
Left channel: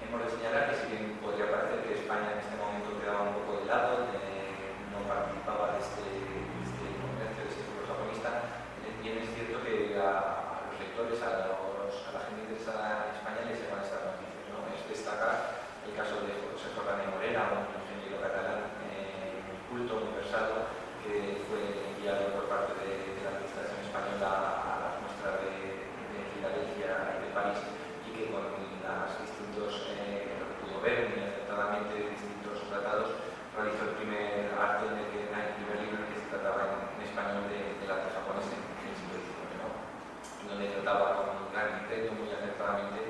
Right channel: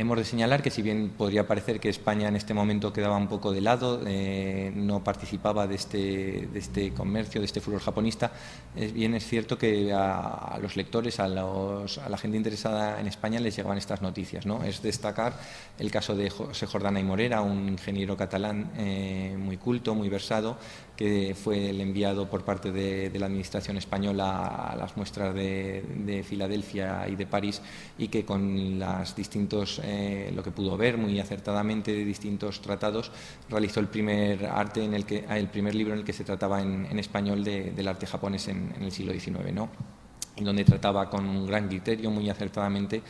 Hemos de señalar que, si bien podría parecer que España en este momento quedaba un poco de lado, no participaba de este comercio, de este furor japonista, bien es cierto que a los lectores, a la gente interesada en España, les llegaban estas noticias, ¿no? Es destacar el caso de José Jordana y Morera, un ingeniero catalán muy culto, muy versado, que fue el enviado por parte de la administración española a las muestras de Filadelfia y de París, y que con los distintos, lo que pudo ver muy acertadamente de distintos tratados, realizó el primer libro en el que se trataba en español del arte japonés en el siglo XIX, ¿no? Donde trataba con gran criterio, muy acertadamente,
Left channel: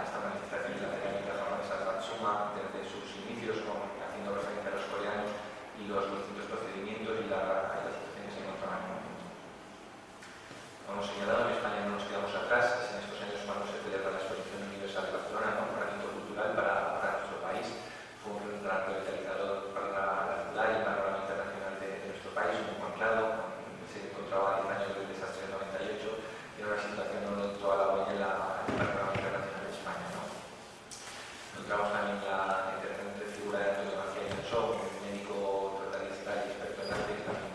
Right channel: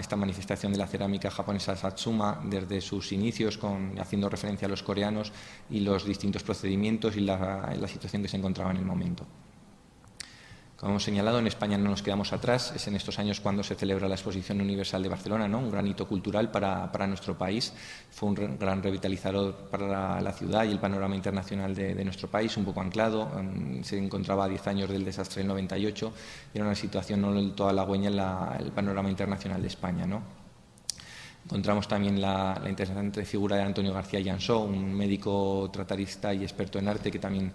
esta manifestación de la cerámica japonesa Satsuma desde sus inicios, haciendo referencia a los coreanos y los distintos procedimientos y la situación que se encontraba en el momento. Como hemos señalado, en España no nos quedamos atrás. Es en estos años cuando se celebra la Exposición Universal de Barcelona, ¿no? Un gran hito cultural para nuestro país. Fue un gran revitalizador para la ciudad y el panorama internacional de nuestro país, un poco anclado. Se encontraba a 10 años del desastre del 98 y era una situación no del todo halagüeña en el panorama internacional de España, ¿no? Encontramos también la interesante figura de Antonio García Llansó, un médico tratadista y experto en arte, que también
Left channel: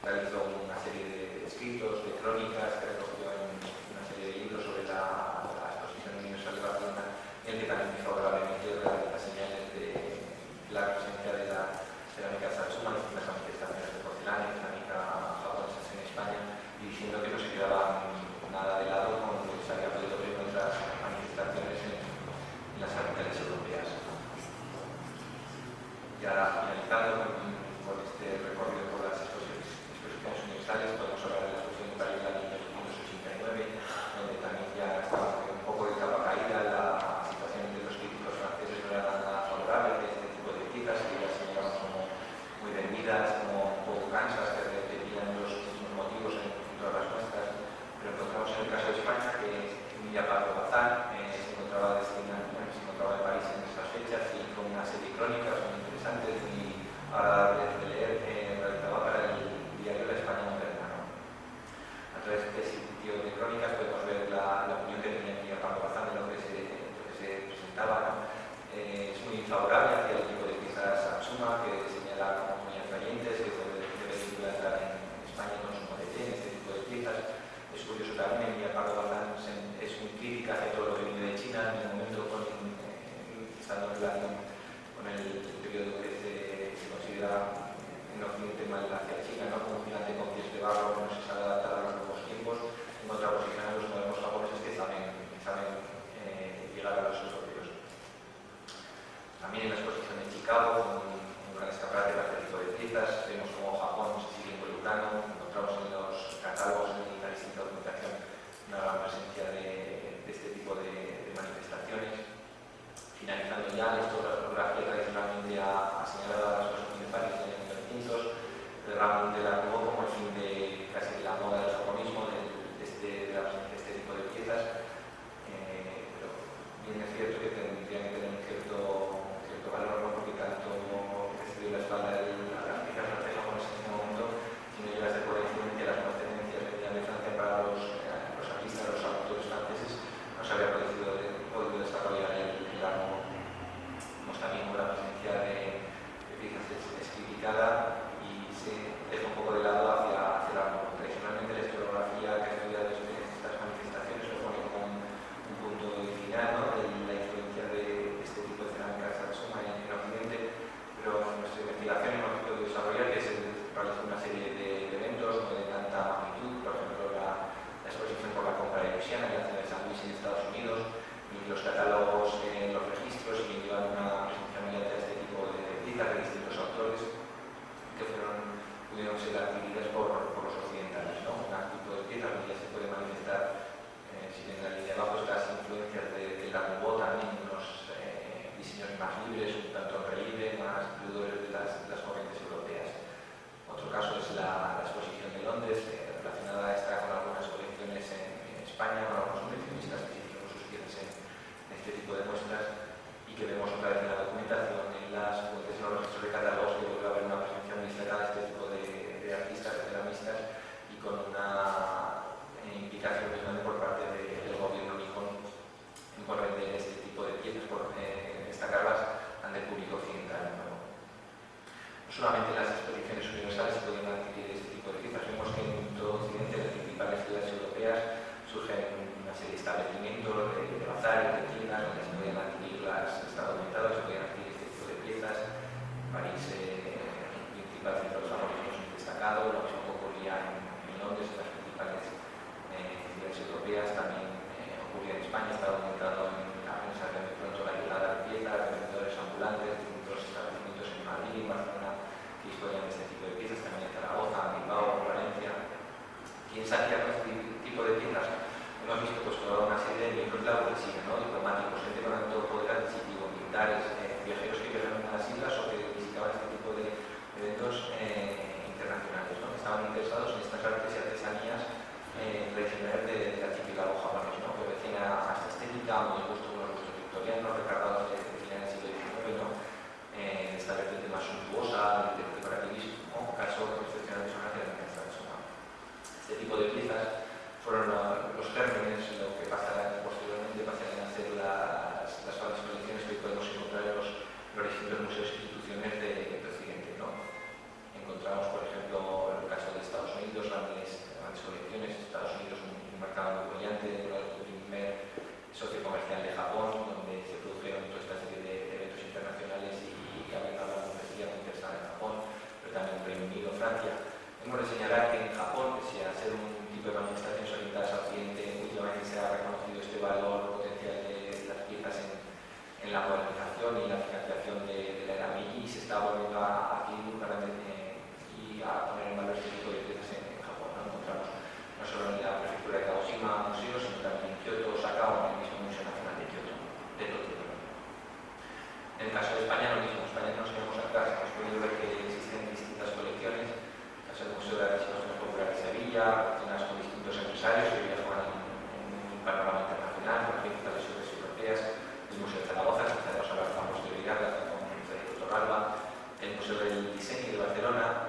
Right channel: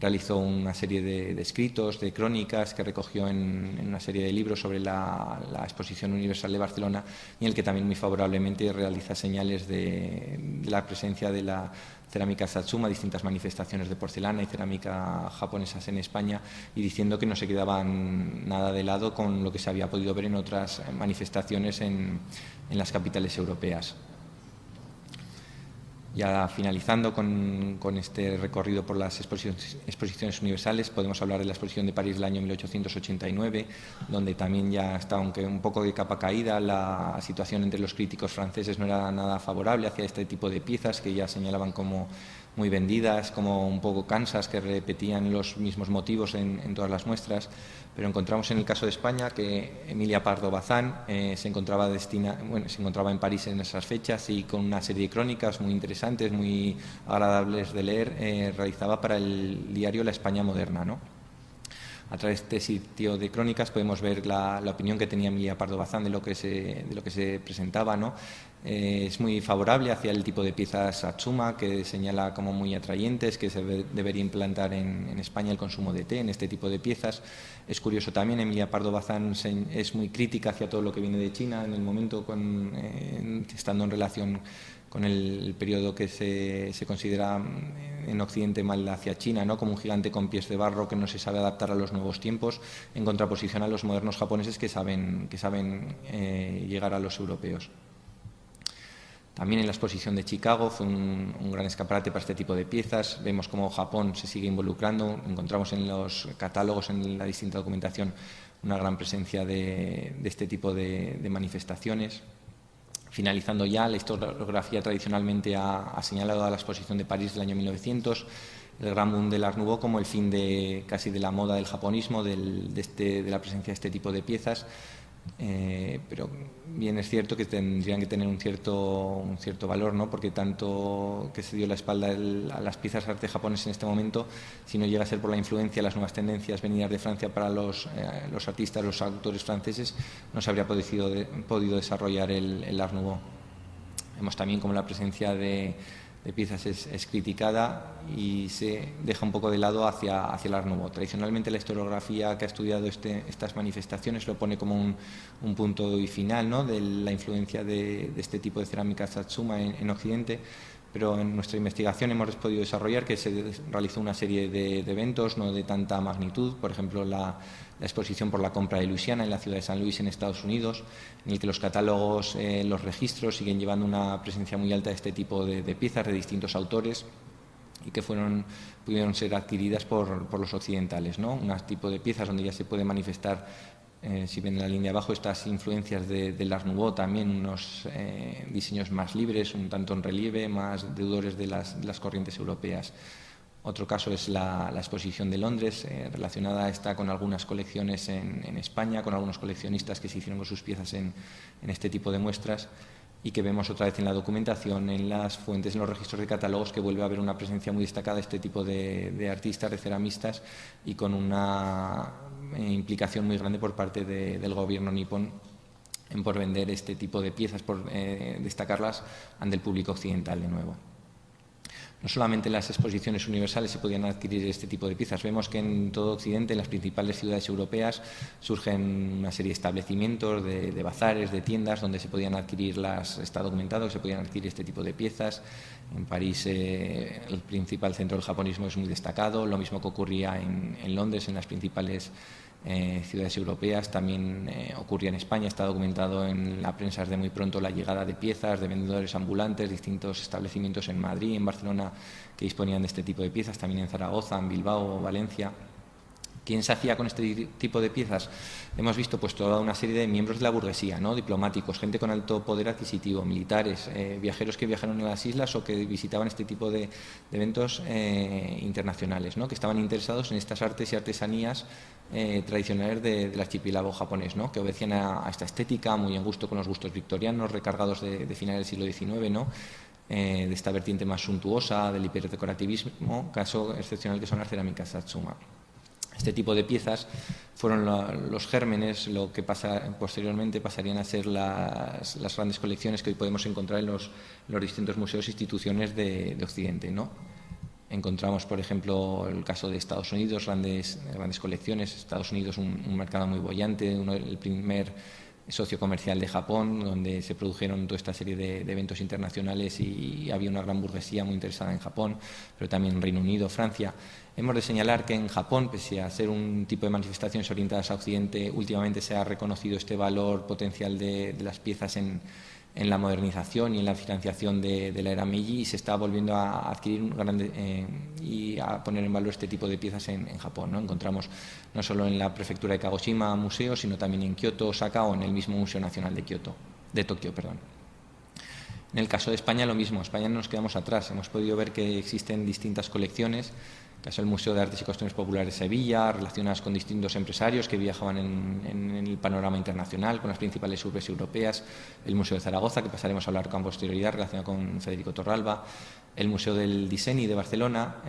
realizó una serie de escritos, de crónicas, que recogió en una serie de libros sobre la Exposición Universal de Barcelona, y en el que también muy favorablemente realiza señales de la presencia de la cerámica Satsuma, distintas manifestaciones de porcelana y cerámica japonesas en España, y diciendo que no se quedaban nada de lado con lo que se había podido ver en otras manifestaciones en las capitales europeas. Ya finalizando con este recorrido por las exposiciones universales, podemos hablar de la exposición de París del año 1889, donde también ya estaba, aunque un poco de capa caída, la situación entre los críticos franceses no era nada favorable hacia este tipo de piezas, que ya señalaban como muy vendidas, como un poco cansas, que repetían los mismos motivos en todas las muestras. Pero encontramos en el caso de España que Emilia Pardo Bazán se encontraba en París en esas fechas, y con una serie de crónicas muy interesantes, muy agradables de leer, realizaba para el diario La España Moderna, ¿no? A través de este sitio de crónicas podemos ver la opinión que tenía Emilia Pardo Bazán de lo que se presentaba, ¿no? Es muy favorable hacia el tipo de piezas Satsuma, que señala como muy atrayentes, que se debería implantar en España el consumo de té en este tipo de piezas. Es curioso también, Emilia Pardo Bazán es muy crítica hacia todo lo que viene de China en el momento, estando en relación con el periodo que se considera en Occidente mal hacia China, ¿no? Como un gigante con pies de barro que no se sabe adaptar a los nuevos tiempos, en contraposición a los modernos japoneses que saben llegar a los europeos. También en la exposición de Chicago fue un gran escaparate para este tipo de piezas. Vemos cómo Japón se sigue involucrando. Encontramos en los catálogos, en la distinta documentación, una gran presencia de este tipo de manifestaciones. Finalizando ya, la historiografía tradicionalmente ha señalado a la exposición de París del año 1900, el gran boom del Art Nouveau, como el fin casi de la moda del japonismo, de la presencia de este tipo de piezas. Pero bien es cierto que tendrían que tener un cierto valor, ¿no? Porque tanto que se dio la espalda a las piezas de arte japonés en este momento, si no llega a ser por la influencia de las nuevas tendencias venidas de Francia para los artistas, los autores franceses, no se habría podido desarrollar el Art Nouveau. Vemos también como la presencia de piezas es criticada y se deja un poco de lado hacia el Art Nouveau. Tradicionalmente la historiografía que ha estudiado estas manifestaciones lo pone como un punto y final, ¿no? De la influencia de este tipo de cerámica Satsuma en Occidente, pero en nuestra investigación hemos podido desarrollar que se realizó una serie de eventos no de tanta magnitud, por ejemplo la exposición por la compra de Luisiana en la ciudad de San Luis, en Estados Unidos, en el que los catálogos, los registros siguen llevando una presencia muy alta de este tipo de piezas de distintos autores, y que pudieron ser adquiridas por los occidentales, ¿no? Un tipo de piezas donde ya se puede manifestar, si ven en la línea de abajo, estas influencias del Art Nouveau, también unos diseños más libres, un tanto en relieve, más deudores de las corrientes europeas. Otro caso es la exposición de Londres, relacionada está con algunas colecciones en España, con algunos coleccionistas que se hicieron sus piezas en este tipo de muestras, y que vemos otra vez en la documentación, en las fuentes, en los registros de catálogos, que vuelve a haber una presencia muy destacada de este tipo de artistas, de ceramistas, y con una implicación muy grande por parte del gobierno nipón por vender este tipo de piezas, por destacarlas ante el público occidental de nuevo. No solamente en las exposiciones universales se podían adquirir este tipo de piezas, vemos que en todo Occidente, en las principales ciudades europeas, surgen una serie de establecimientos, de bazares, de tiendas, donde se podían adquirir estado aumentado, se podían adquirir este tipo de piezas. En París el principal centro del japonismo es muy destacado, lo mismo que ocurría en Londres, en las principales ciudades europeas, también ocurría en España. Está documentado en la prensa desde muy pronto la llegada de piezas, de vendedores ambulantes, distintos establecimientos en Madrid, en Barcelona, que disponían de este tipo de piezas, también en Zaragoza, en Bilbao, Valencia. ¿Quién se hacía con este tipo de piezas? Hemos visto pues toda una serie de miembros de la burguesía, ¿no? Diplomáticos, gente con alto poder adquisitivo, militares, viajeros que viajaron a las islas o que visitaban este tipo de eventos internacionales, ¿no? Que estaban interesados en estas artes y artesanías tradicionales del archipiélago japonés, ¿no? Que obedecían a esta estética, muy a gusto con los gustos victorianos, recargados de finales del siglo XIX, ¿no? De esta vertiente más suntuosa, del hiperdecorativismo, caso excepcional que son las cerámicas Satsuma. Este tipo de piezas fueron los gérmenes, lo que posteriormente pasarían a ser las grandes colecciones que hoy podemos encontrar en los distintos museos e instituciones de Occidente, ¿no? Encontramos, por ejemplo, el caso de Estados Unidos, grandes colecciones. Estados Unidos, un mercado muy boyante, el primer socio comercial de Japón, donde se produjeron toda esta serie de eventos internacionales y había una gran burguesía muy interesada en Japón, pero también en Reino Unido, Francia. Hemos de señalar que en Japón, pese a ser un tipo de manifestaciones orientadas a Occidente, últimamente se ha reconocido este valor potencial de las piezas en la modernización y en la financiación de la era Meiji, y se está volviendo a adquirir y a poner en valor este tipo de piezas en Japón, ¿no? Encontramos no solo en la prefectura de Kagoshima museos, sino también en Kioto, Osaka o en el mismo Museo Nacional de Tokio. En el caso de España lo mismo, en España no nos quedamos atrás, hemos podido ver que existen distintas colecciones. El caso del Museo de Artes y Costumbres Populares de Sevilla, relacionadas con distintos empresarios que viajaban en el panorama internacional, con las principales urbes europeas. El Museo de Zaragoza, que pasaremos a hablar con posterioridad, relacionado con Federico Torralba. El Museo del Diseño de Barcelona,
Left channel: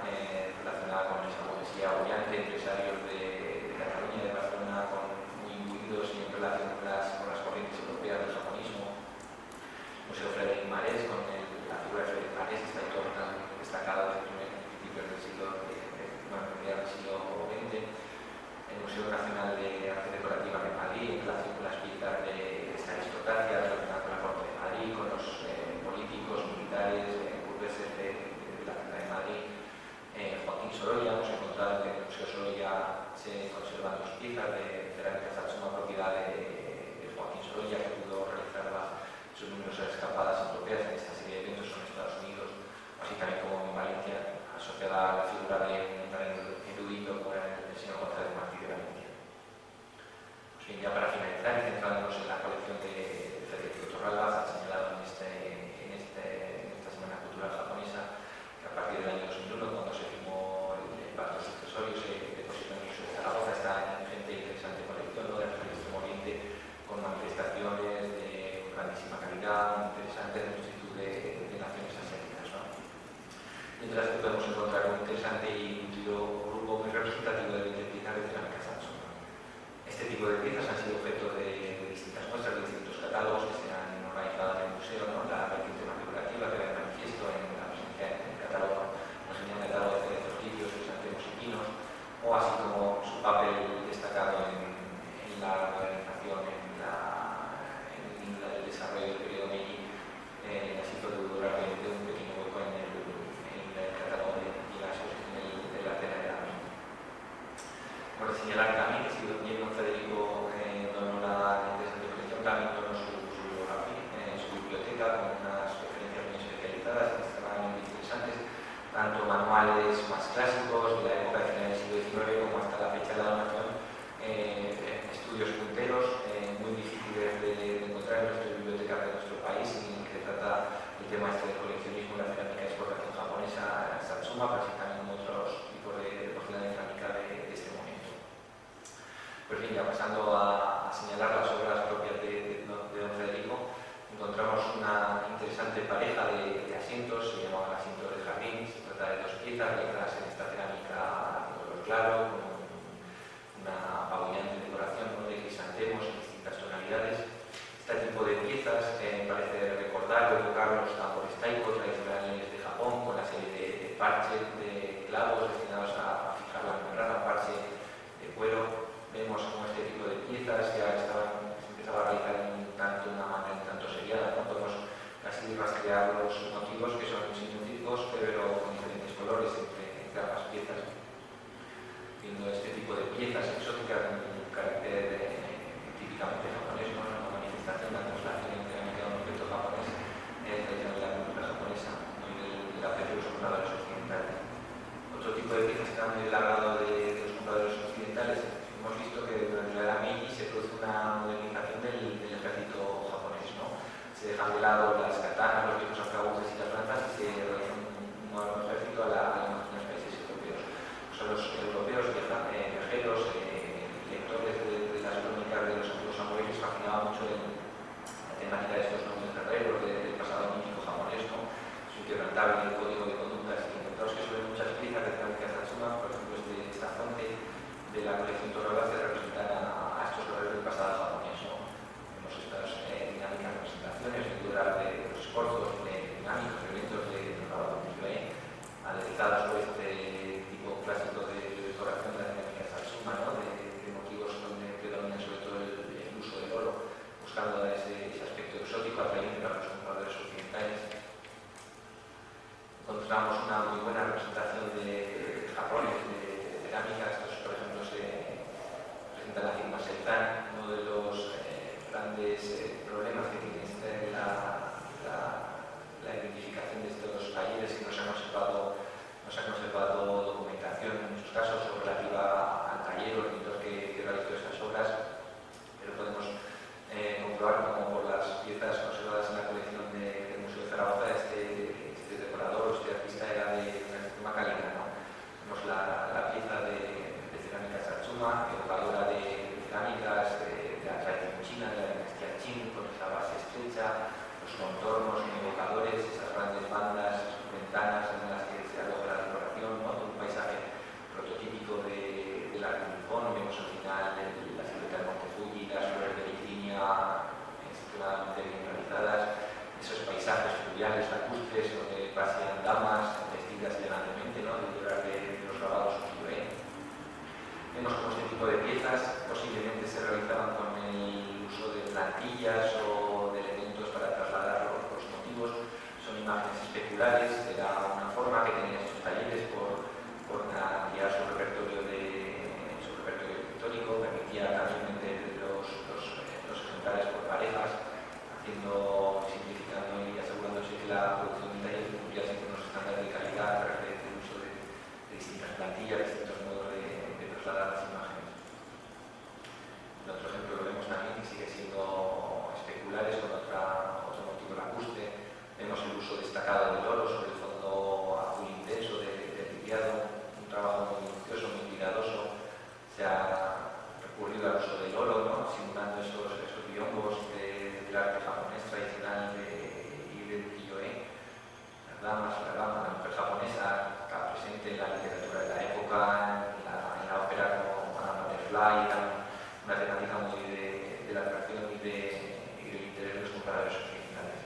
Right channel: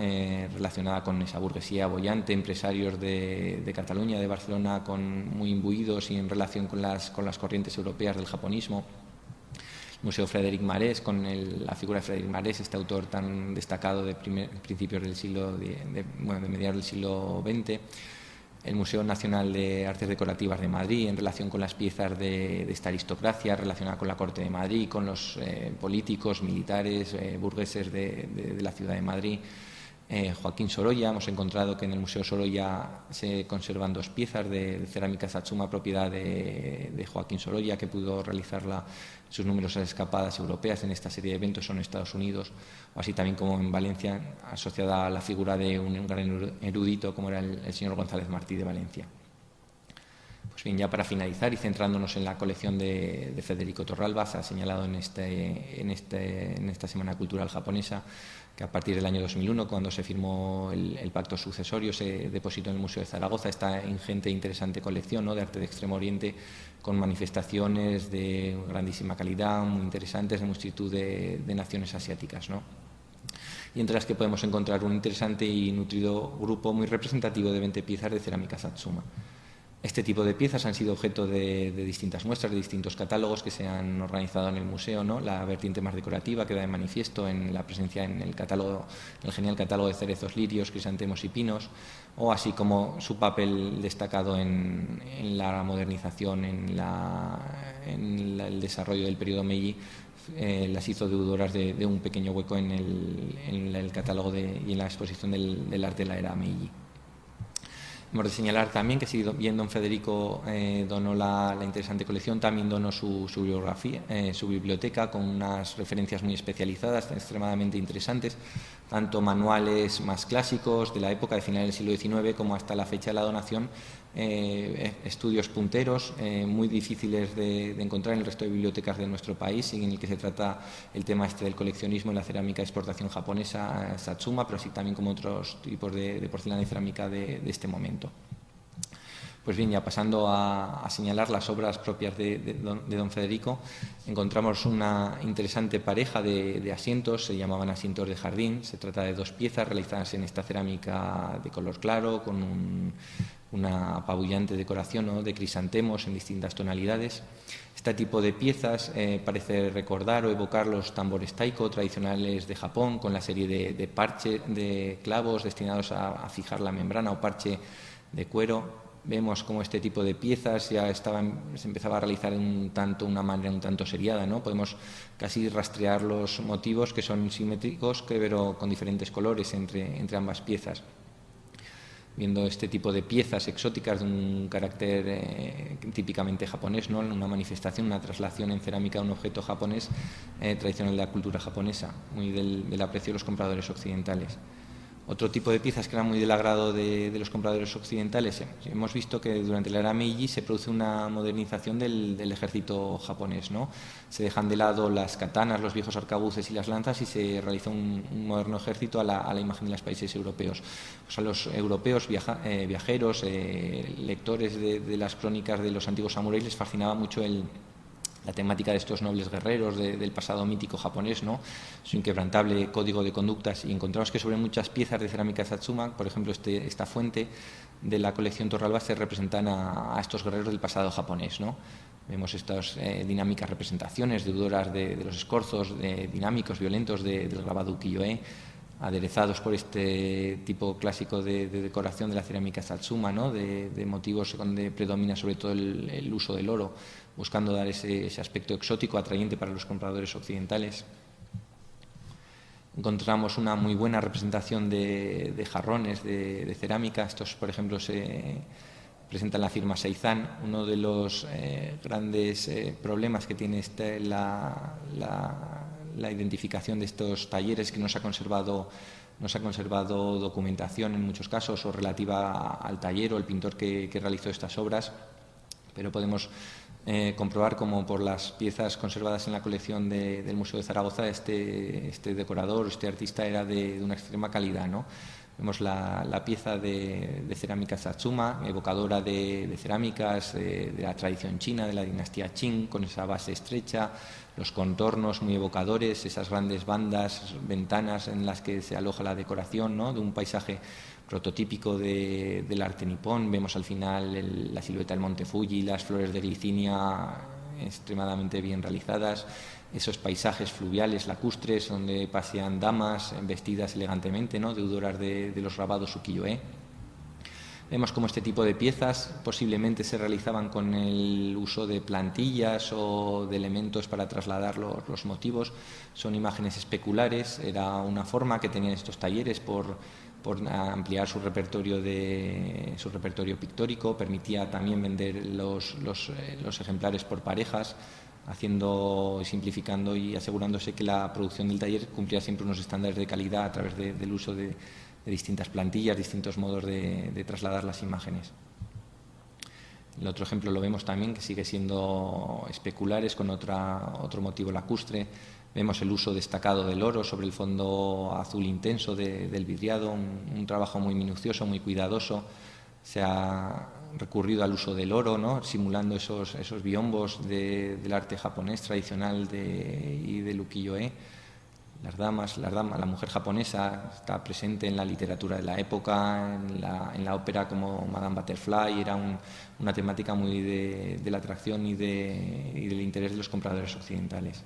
relacionada con esa burguesía boyante, empresarios de Cataluña, de Barcelona, muy imbuidos y en relación con las corrientes europeas del japonismo. El Museo Frédéric Marès, con la figura de Frédéric Marès, este autor tan destacado de principios del de mediados del siglo XX. El Museo Nacional de Artes Decorativas de Madrid, en relación con las piezas de esta aristocracia relacionada con la Corte de Madrid, con los políticos, militares, burgueses de la ciudad de Madrid. Joaquín Sorolla, hemos encontrado que en el Museo Sorolla se conservan 2 piezas de cerámica Satsuma, propiedad de Joaquín Sorolla, que pudo realizarla sus numerosas escapadas europeas en esta serie de eventos en Estados Unidos, o así también como en Valencia, asociada a la figura de un gran erudito como era el señor González Martí de Valencia. Pues bien, ya para finalizar y centrándonos en la colección de Federico Torralba, se ha señalado en esta Semana Cultural Japonesa que a partir del año 2001, cuando se firmó el pacto sucesorio, se depositó en el Museo de Zaragoza esta ingente e interesante colección, ¿no?, de arte de Extremo Oriente, con manifestaciones de grandísima calidad, muy interesantes, de multitud de naciones asiáticas, ¿no? Y entre las que podemos encontrar un interesante y nutrido grupo muy representativo de 20 piezas de cerámica Satsuma. Este tipo de piezas han sido objeto de distintas muestras, de distintos catálogos que se han organizado en el museo, ¿no? La vertiente más decorativa queda de manifiesto en la presencia en el genial catálogo de cerezos, lirios, crisantemos y pinos, o así como su papel destacado en la modernización, en el desarrollo del periodo Meiji, las hizo deudoras de un pequeño hueco en el catálogo y en la exposición del arte de la era Meiji. Hemos de señalar también que si bien don Federico donó la interesante colección, también donó su bibliografía, su biblioteca, con unas referencias muy especializadas, extremadamente interesantes, tanto manuales más clásicos de la época de finales del siglo XIX como hasta la fecha de la donación, estudios punteros muy difíciles de encontrar en el resto de bibliotecas de nuestro país, en el que se trata el tema del coleccionismo y la cerámica de exportación japonesa, Satsuma, pero así también como otros tipos de porcelana y cerámica de este momento. Pues bien, ya pasando a señalar las obras propias de don Federico, encontramos una interesante pareja de asientos, se llamaban asientos de jardín. Se trata de 2 piezas realizadas en esta cerámica de color claro, con una apabullante decoración, ¿no?, de crisantemos en distintas tonalidades. Este tipo de piezas parece recordar o evocar los tambores taiko tradicionales de Japón, con la serie de parches de clavos destinados a fijar la membrana o parche de cuero. Vemos cómo este tipo de piezas ya se empezaba a realizar una manera un tanto seriada, ¿no? Podemos casi rastrear los motivos, que son simétricos pero con diferentes colores entre ambas piezas. Viendo este tipo de piezas exóticas de un carácter típicamente japonés, ¿no?, una manifestación, una traslación en cerámica de un objeto japonés tradicional de la cultura japonesa y del aprecio de los compradores occidentales. Otro tipo de piezas que eran muy del agrado de los compradores occidentales, hemos visto que durante la era Meiji se produce una modernización del ejército japonés, ¿no? Se dejan de lado las katanas, los viejos arcabuces y las lanzas y se realiza un moderno ejército a la imagen de los países europeos. O sea, los europeos viajeros, lectores de las crónicas de los antiguos samuráis, les fascinaba mucho la temática de estos nobles guerreros del pasado mítico japonés, ¿no?, su inquebrantable código de conductas, y encontramos que sobre muchas piezas de cerámica Satsuma, por ejemplo esta fuente de la colección Torralba, se representan a estos guerreros del pasado japonés, ¿no? Vemos estas dinámicas representaciones deudoras de los escorzos, dinámicos, violentos del grabado ukiyo-e, aderezados por este tipo clásico de decoración de la cerámica Satsuma, ¿no?, de motivos donde predomina sobre todo el uso del oro, buscando dar ese aspecto exótico atrayente para los compradores occidentales. Encontramos una muy buena representación de jarrones de cerámica. Estos, por ejemplo, se presentan en la firma Seizan. Uno de los grandes problemas que tiene la identificación de estos talleres, que no se ha conservado documentación en muchos casos o relativa al taller o el pintor que realizó estas obras, pero podemos comprobar como por las piezas conservadas en la colección del Museo de Zaragoza este decorador, este artista era de una extrema calidad, ¿no? Vemos la pieza de cerámica Satsuma, evocadora de cerámicas de la tradición china, de la dinastía Qing, con esa base estrecha, los contornos muy evocadores, esas grandes bandas, ventanas en las que se aloja la decoración, ¿no?, de un paisaje prototípico del arte nipón. Vemos al final la silueta del monte Fuji, las flores de glicinia extremadamente bien realizadas, esos paisajes fluviales lacustres donde pasean damas vestidas elegantemente, ¿no?, deudoras de los grabados ukiyo-e. Vemos cómo este tipo de piezas posiblemente se realizaban con el uso de plantillas o de elementos para trasladar los motivos. Son imágenes especulares, era una forma que tenían estos talleres por ampliar su repertorio pictórico. Permitía también vender los ejemplares por parejas, simplificando y asegurándose que la producción del taller cumplía siempre unos estándares de calidad a través del uso de distintas plantillas, distintos modos de trasladar las imágenes. El otro ejemplo lo vemos también, que sigue siendo especulares, con otro motivo lacustre. Vemos el uso destacado del oro sobre el fondo azul intenso del vidriado, un trabajo muy minucioso, muy cuidadoso. Se ha recurrido al uso del oro, ¿no?, simulando esos biombos del arte japonés tradicional y del ukiyo-e. La mujer japonesa está presente en la literatura de la época, en la ópera como Madame Butterfly. Era una temática muy de la atracción y del interés de los compradores occidentales.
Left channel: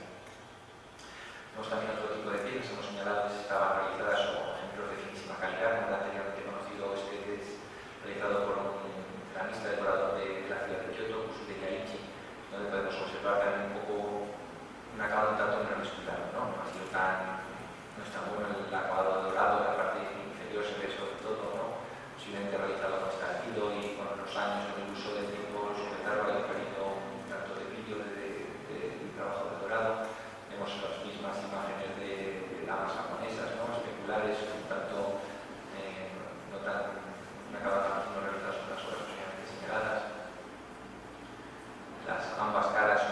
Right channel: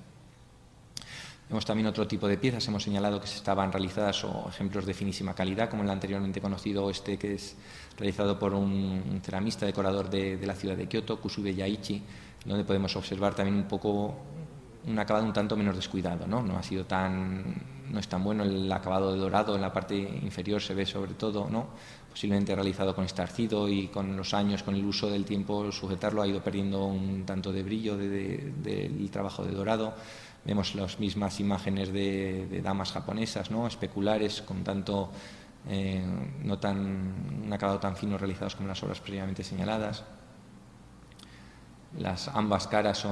Vemos también otro tipo de piezas. Hemos señalado que se estaban realizadas o ejemplos de finísima calidad, como el anteriormente conocido que es realizado por un ceramista decorador de la ciudad de Kioto, Kusube Yaichi, donde podemos observar también un poco un acabado un tanto menos descuidado, ¿no? No es tan bueno el acabado dorado. En la parte inferior se ve sobre todo, ¿no?, posiblemente realizado con estarcido, y con los años, con el uso del tiempo, sujetarlo ha ido perdiendo un tanto de brillo del trabajo de dorado. Vemos las mismas imágenes de damas japonesas, ¿no?, especulares, con tanto un acabado tan fino, realizadas con las obras previamente señaladas. Ambas caras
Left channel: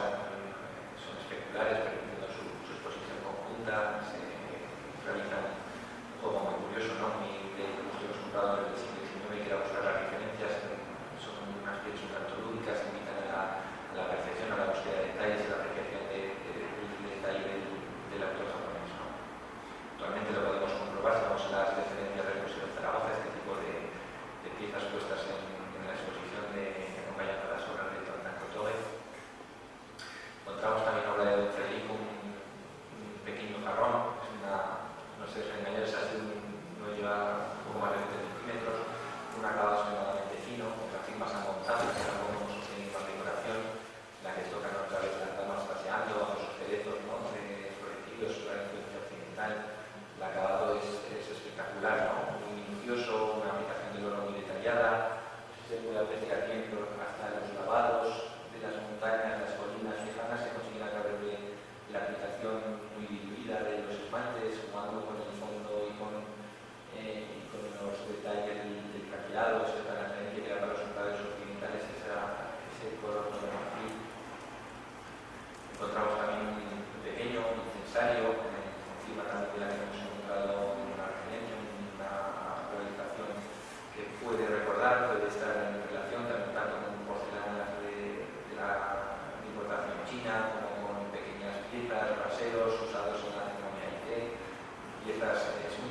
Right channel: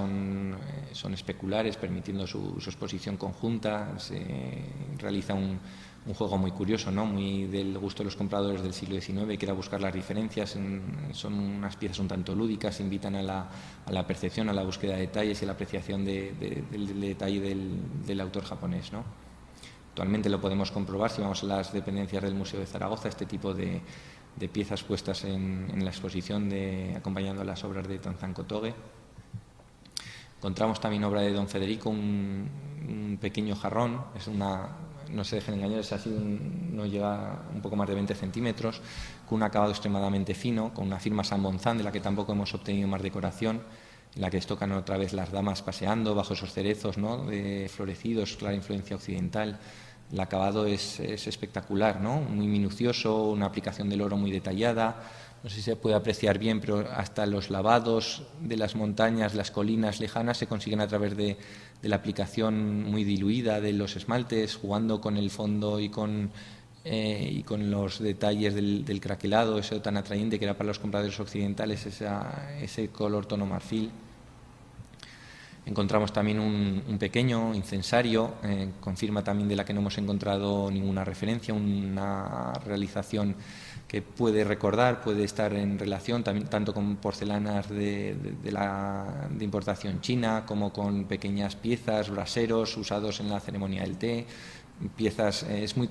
son especulares, permitiendo su exposición conjunta. Se realiza un juego muy curioso, ¿no?, muy del gusto de los compradores del siglo XIX, que era buscar las diferencias. Son unas piezas un tanto lúdicas, invitan a la percepción, a la búsqueda de detalles y a la apreciación del detalle del autor japonés, ¿no? Actualmente lo podemos comprobar si vamos a las dependencias del Museo de Zaragoza. Este tipo de piezas puestas en la exposición acompañando a las obras de Tonzan Kotoge. Encontramos también obra de don Federico, un pequeño jarrón, no se dejen engañar, no llega un poco más de 20 centímetros, con un acabado extremadamente fino, con una firma San Bonzán, de la que tampoco hemos obtenido más decoración, en la que tocan otra vez las damas paseando bajo esos cerezos, ¿no?, florecidos, otra influencia occidental. El acabado es espectacular, ¿no?, muy minucioso, una aplicación del oro muy detallada. No sé si se puede apreciar bien, pero hasta los lavados de las montañas, las colinas lejanas se consiguen a través de la aplicación muy diluida de los esmaltes, jugando con el fondo y con los detalles del craquelado, eso tan atrayente que era para los compradores occidentales, ese color tono marfil. Encontramos también un pequeño incensario, con firma también de la que no hemos encontrado ninguna referencia, una realización que puede recordar, puede estar en relación tanto con porcelanas de importación china, como con pequeñas piezas, braseros usados en la ceremonia del té, piezas. Es muy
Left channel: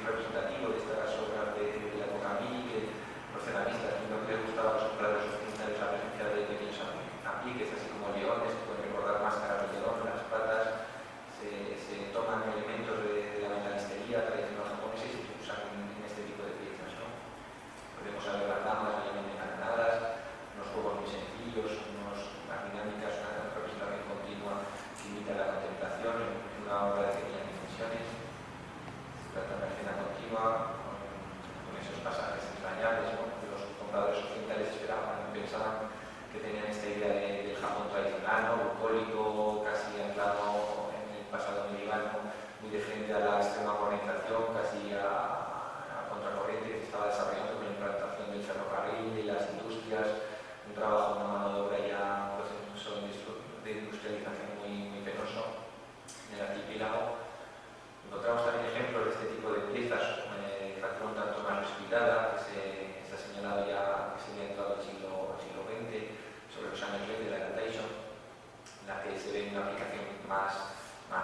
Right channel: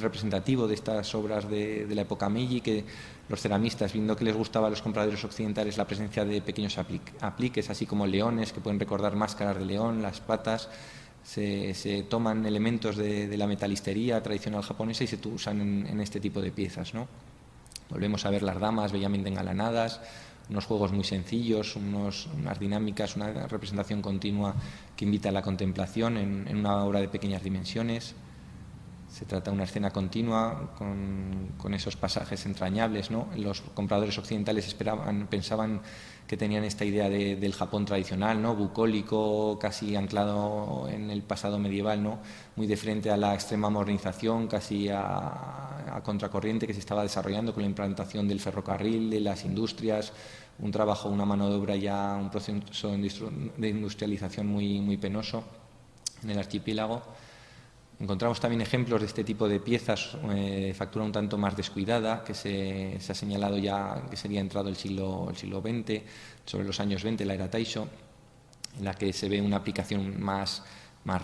representativo de estas obras de la época Meiji, que los ceramistas, viendo que les gustaba a los compradores occidentales la presencia de pequeños apliques, así como leones, que pueden recordar máscaras de león, las patas, se toman elementos de la metalistería tradicional japonesa y se usan en este tipo de piezas, ¿no? Volvemos a ver las damas bellamente engalanadas, unos juegos muy sencillos, unas dinámicas, una representación continua que invita a la contemplación en una obra de pequeñas dimensiones. Se trata de una escena continua con esos pasajes entrañables, ¿no? Los compradores occidentales pensaban que tenían esta idea del Japón tradicional, ¿no?, bucólico, casi anclado en el pasado medieval, ¿no?, muy de frente a la extrema modernización, casi a contracorriente que se estaba desarrollando con la implantación del ferrocarril, de las industrias, un trabajo, una mano de obra ya, un proceso de industrialización muy penoso en el archipiélago. Encontramos también ejemplos de este tipo de piezas, factura un tanto más descuidada, que se ha señalado ya que sería entrado el siglo XX, sobre los años 20, la era Taisho, en la que se ve una aplicación más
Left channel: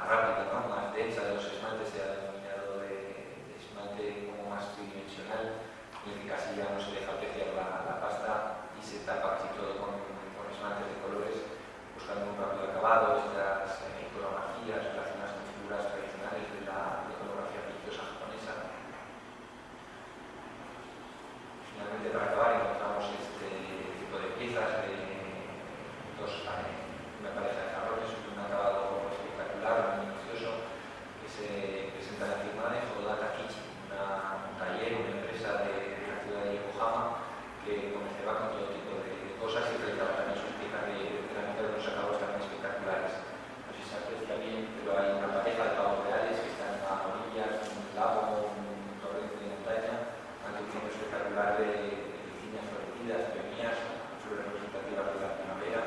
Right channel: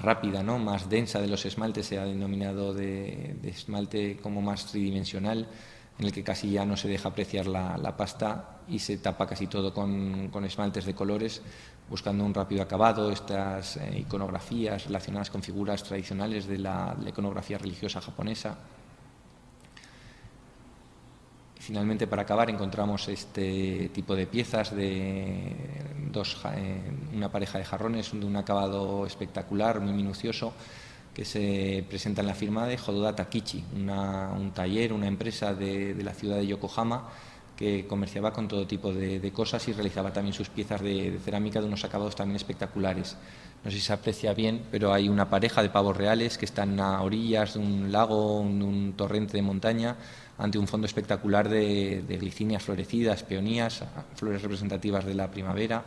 rápida, ¿no?, más densa de los esmaltes. Se ha denominado de esmalte como más tridimensional, en el que casi ya no se deja apreciar la pasta y se tapa casi todo con esmaltes de colores, buscando un rápido acabado. Estas iconografías relacionadas con figuras tradicionales de la iconografía religiosa japonesa. Finalmente, para acabar, encontramos este tipo de piezas de una pareja de jarrones de un acabado espectacular, muy minucioso, que se presenta en la firma de Hododa Takichi, un taller, una empresa de la ciudad de Yokohama, que comerciaba con todo tipo de cosas y realizaba también sus piezas de cerámica de unos acabados también espectaculares. No sé si se aprecia bien, pero hay una pareja de pavos reales que están a orillas de un lago, un torrente de montaña, ante un fondo espectacular de glicinias florecidas, peonías, flores representativas de la primavera.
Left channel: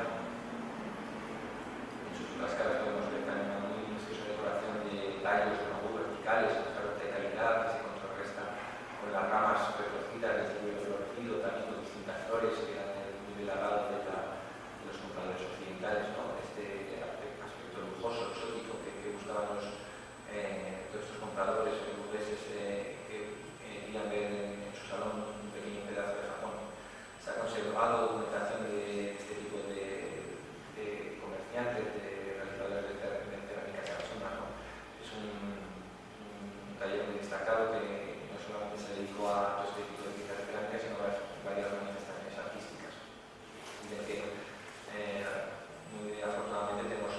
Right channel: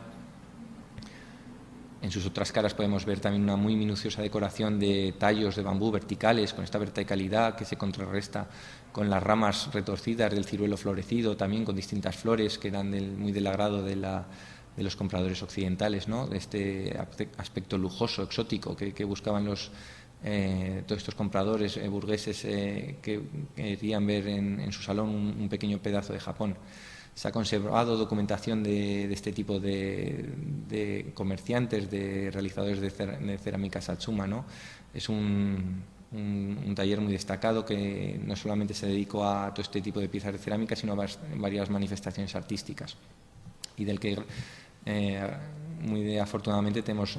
En sus otras caras podemos ver también una muy minuciosa decoración de tallos de bambú verticales, con esta verticalidad que se contrarresta con las ramas retorcidas del ciruelo florecido, también con distintas flores que eran muy del agrado de los compradores occidentales, ¿no?, de este aspecto lujoso, exótico que buscaban todos estos compradores burgueses que querían ver en su salón un pequeño pedazo de Japón. Se ha conservado documentación de este tipo de comerciantes, de realizadores de cerámica Satsuma, ¿no? Es un taller muy destacado que no solamente se dedicó a todo este tipo de piezas de cerámica, sino a varias manifestaciones artísticas, y del que muy afortunadamente tenemos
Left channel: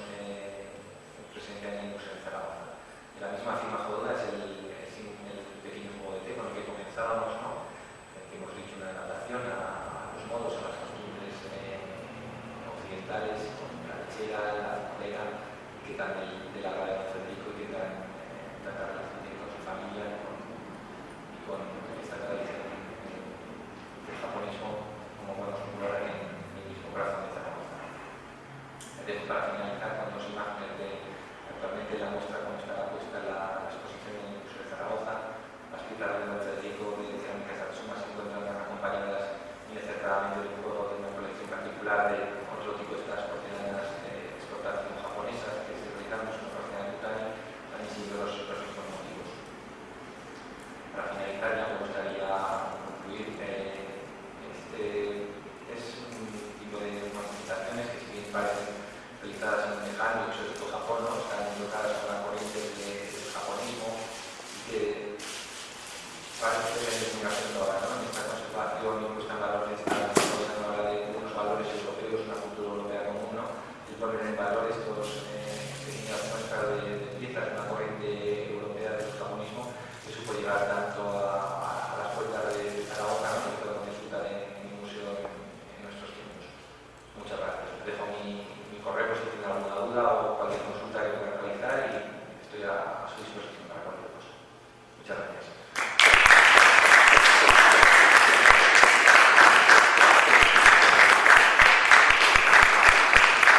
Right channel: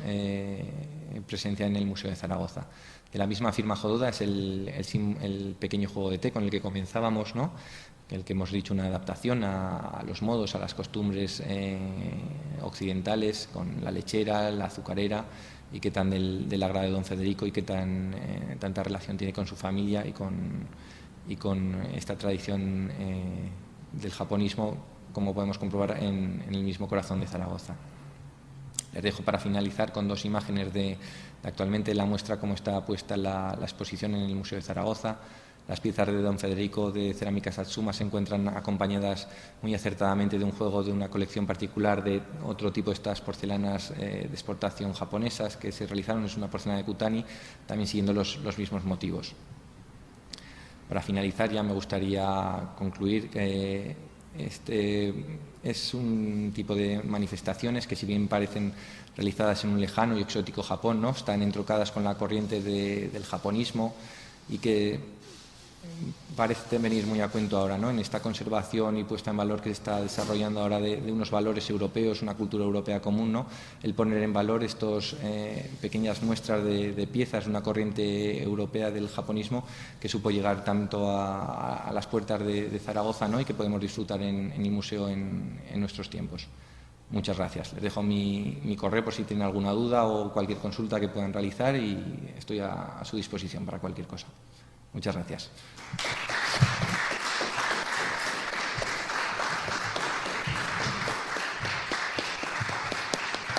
presencia en el Museo de Zaragoza. De la misma firma Hododa es el pequeño juego de té con el que comenzábamos, ¿no?, el que hemos dicho, una adaptación a los modos, a las costumbres occidentales, con la lechera, la azucarera, y que tan del agrado de don Federico, y que tanta relación tiene con su familia y con esta tradición del japonismo, como podemos comprobar en el mismo corazón de Zaragoza. Les dejo para finalizar con dos imágenes de actualmente la muestra, como está puesta la exposición en el Museo de Zaragoza. Las piezas de don Federico de cerámica Satsuma se encuentran acompañadas muy acertadamente de un juego de una colección particular de otro tipo de estas porcelanas de exportación japonesas que se realizaron. Es una porcelana de Kutani, también siguiendo los mismos motivos. Para finalizar, ya me gustaría concluir que este es un tipo de manifestaciones que, si bien parecen realizadas en un lejano y exótico Japón, ¿no?, están entroncadas con la corriente del japonismo y que parece venir muy a cuento ahora, ¿no?, en esta conservación y puesta en valor que se está desarrollando ahora de unos valores europeos, una cultura europea común, ¿no?, el poner en valor estos pequeñas muestras de piezas de una corriente europea del japonismo que supo llegar tanto a las puertas de Zaragoza, ¿no?, y que podemos disfrutar en el museo en nuestros tiempos. Muchas gracias. Les dejo mi correo por si tienen alguna duda o cualquier consulta que puedan realizar, y estoy a su disposición para cualquier cosa. Muchas gracias.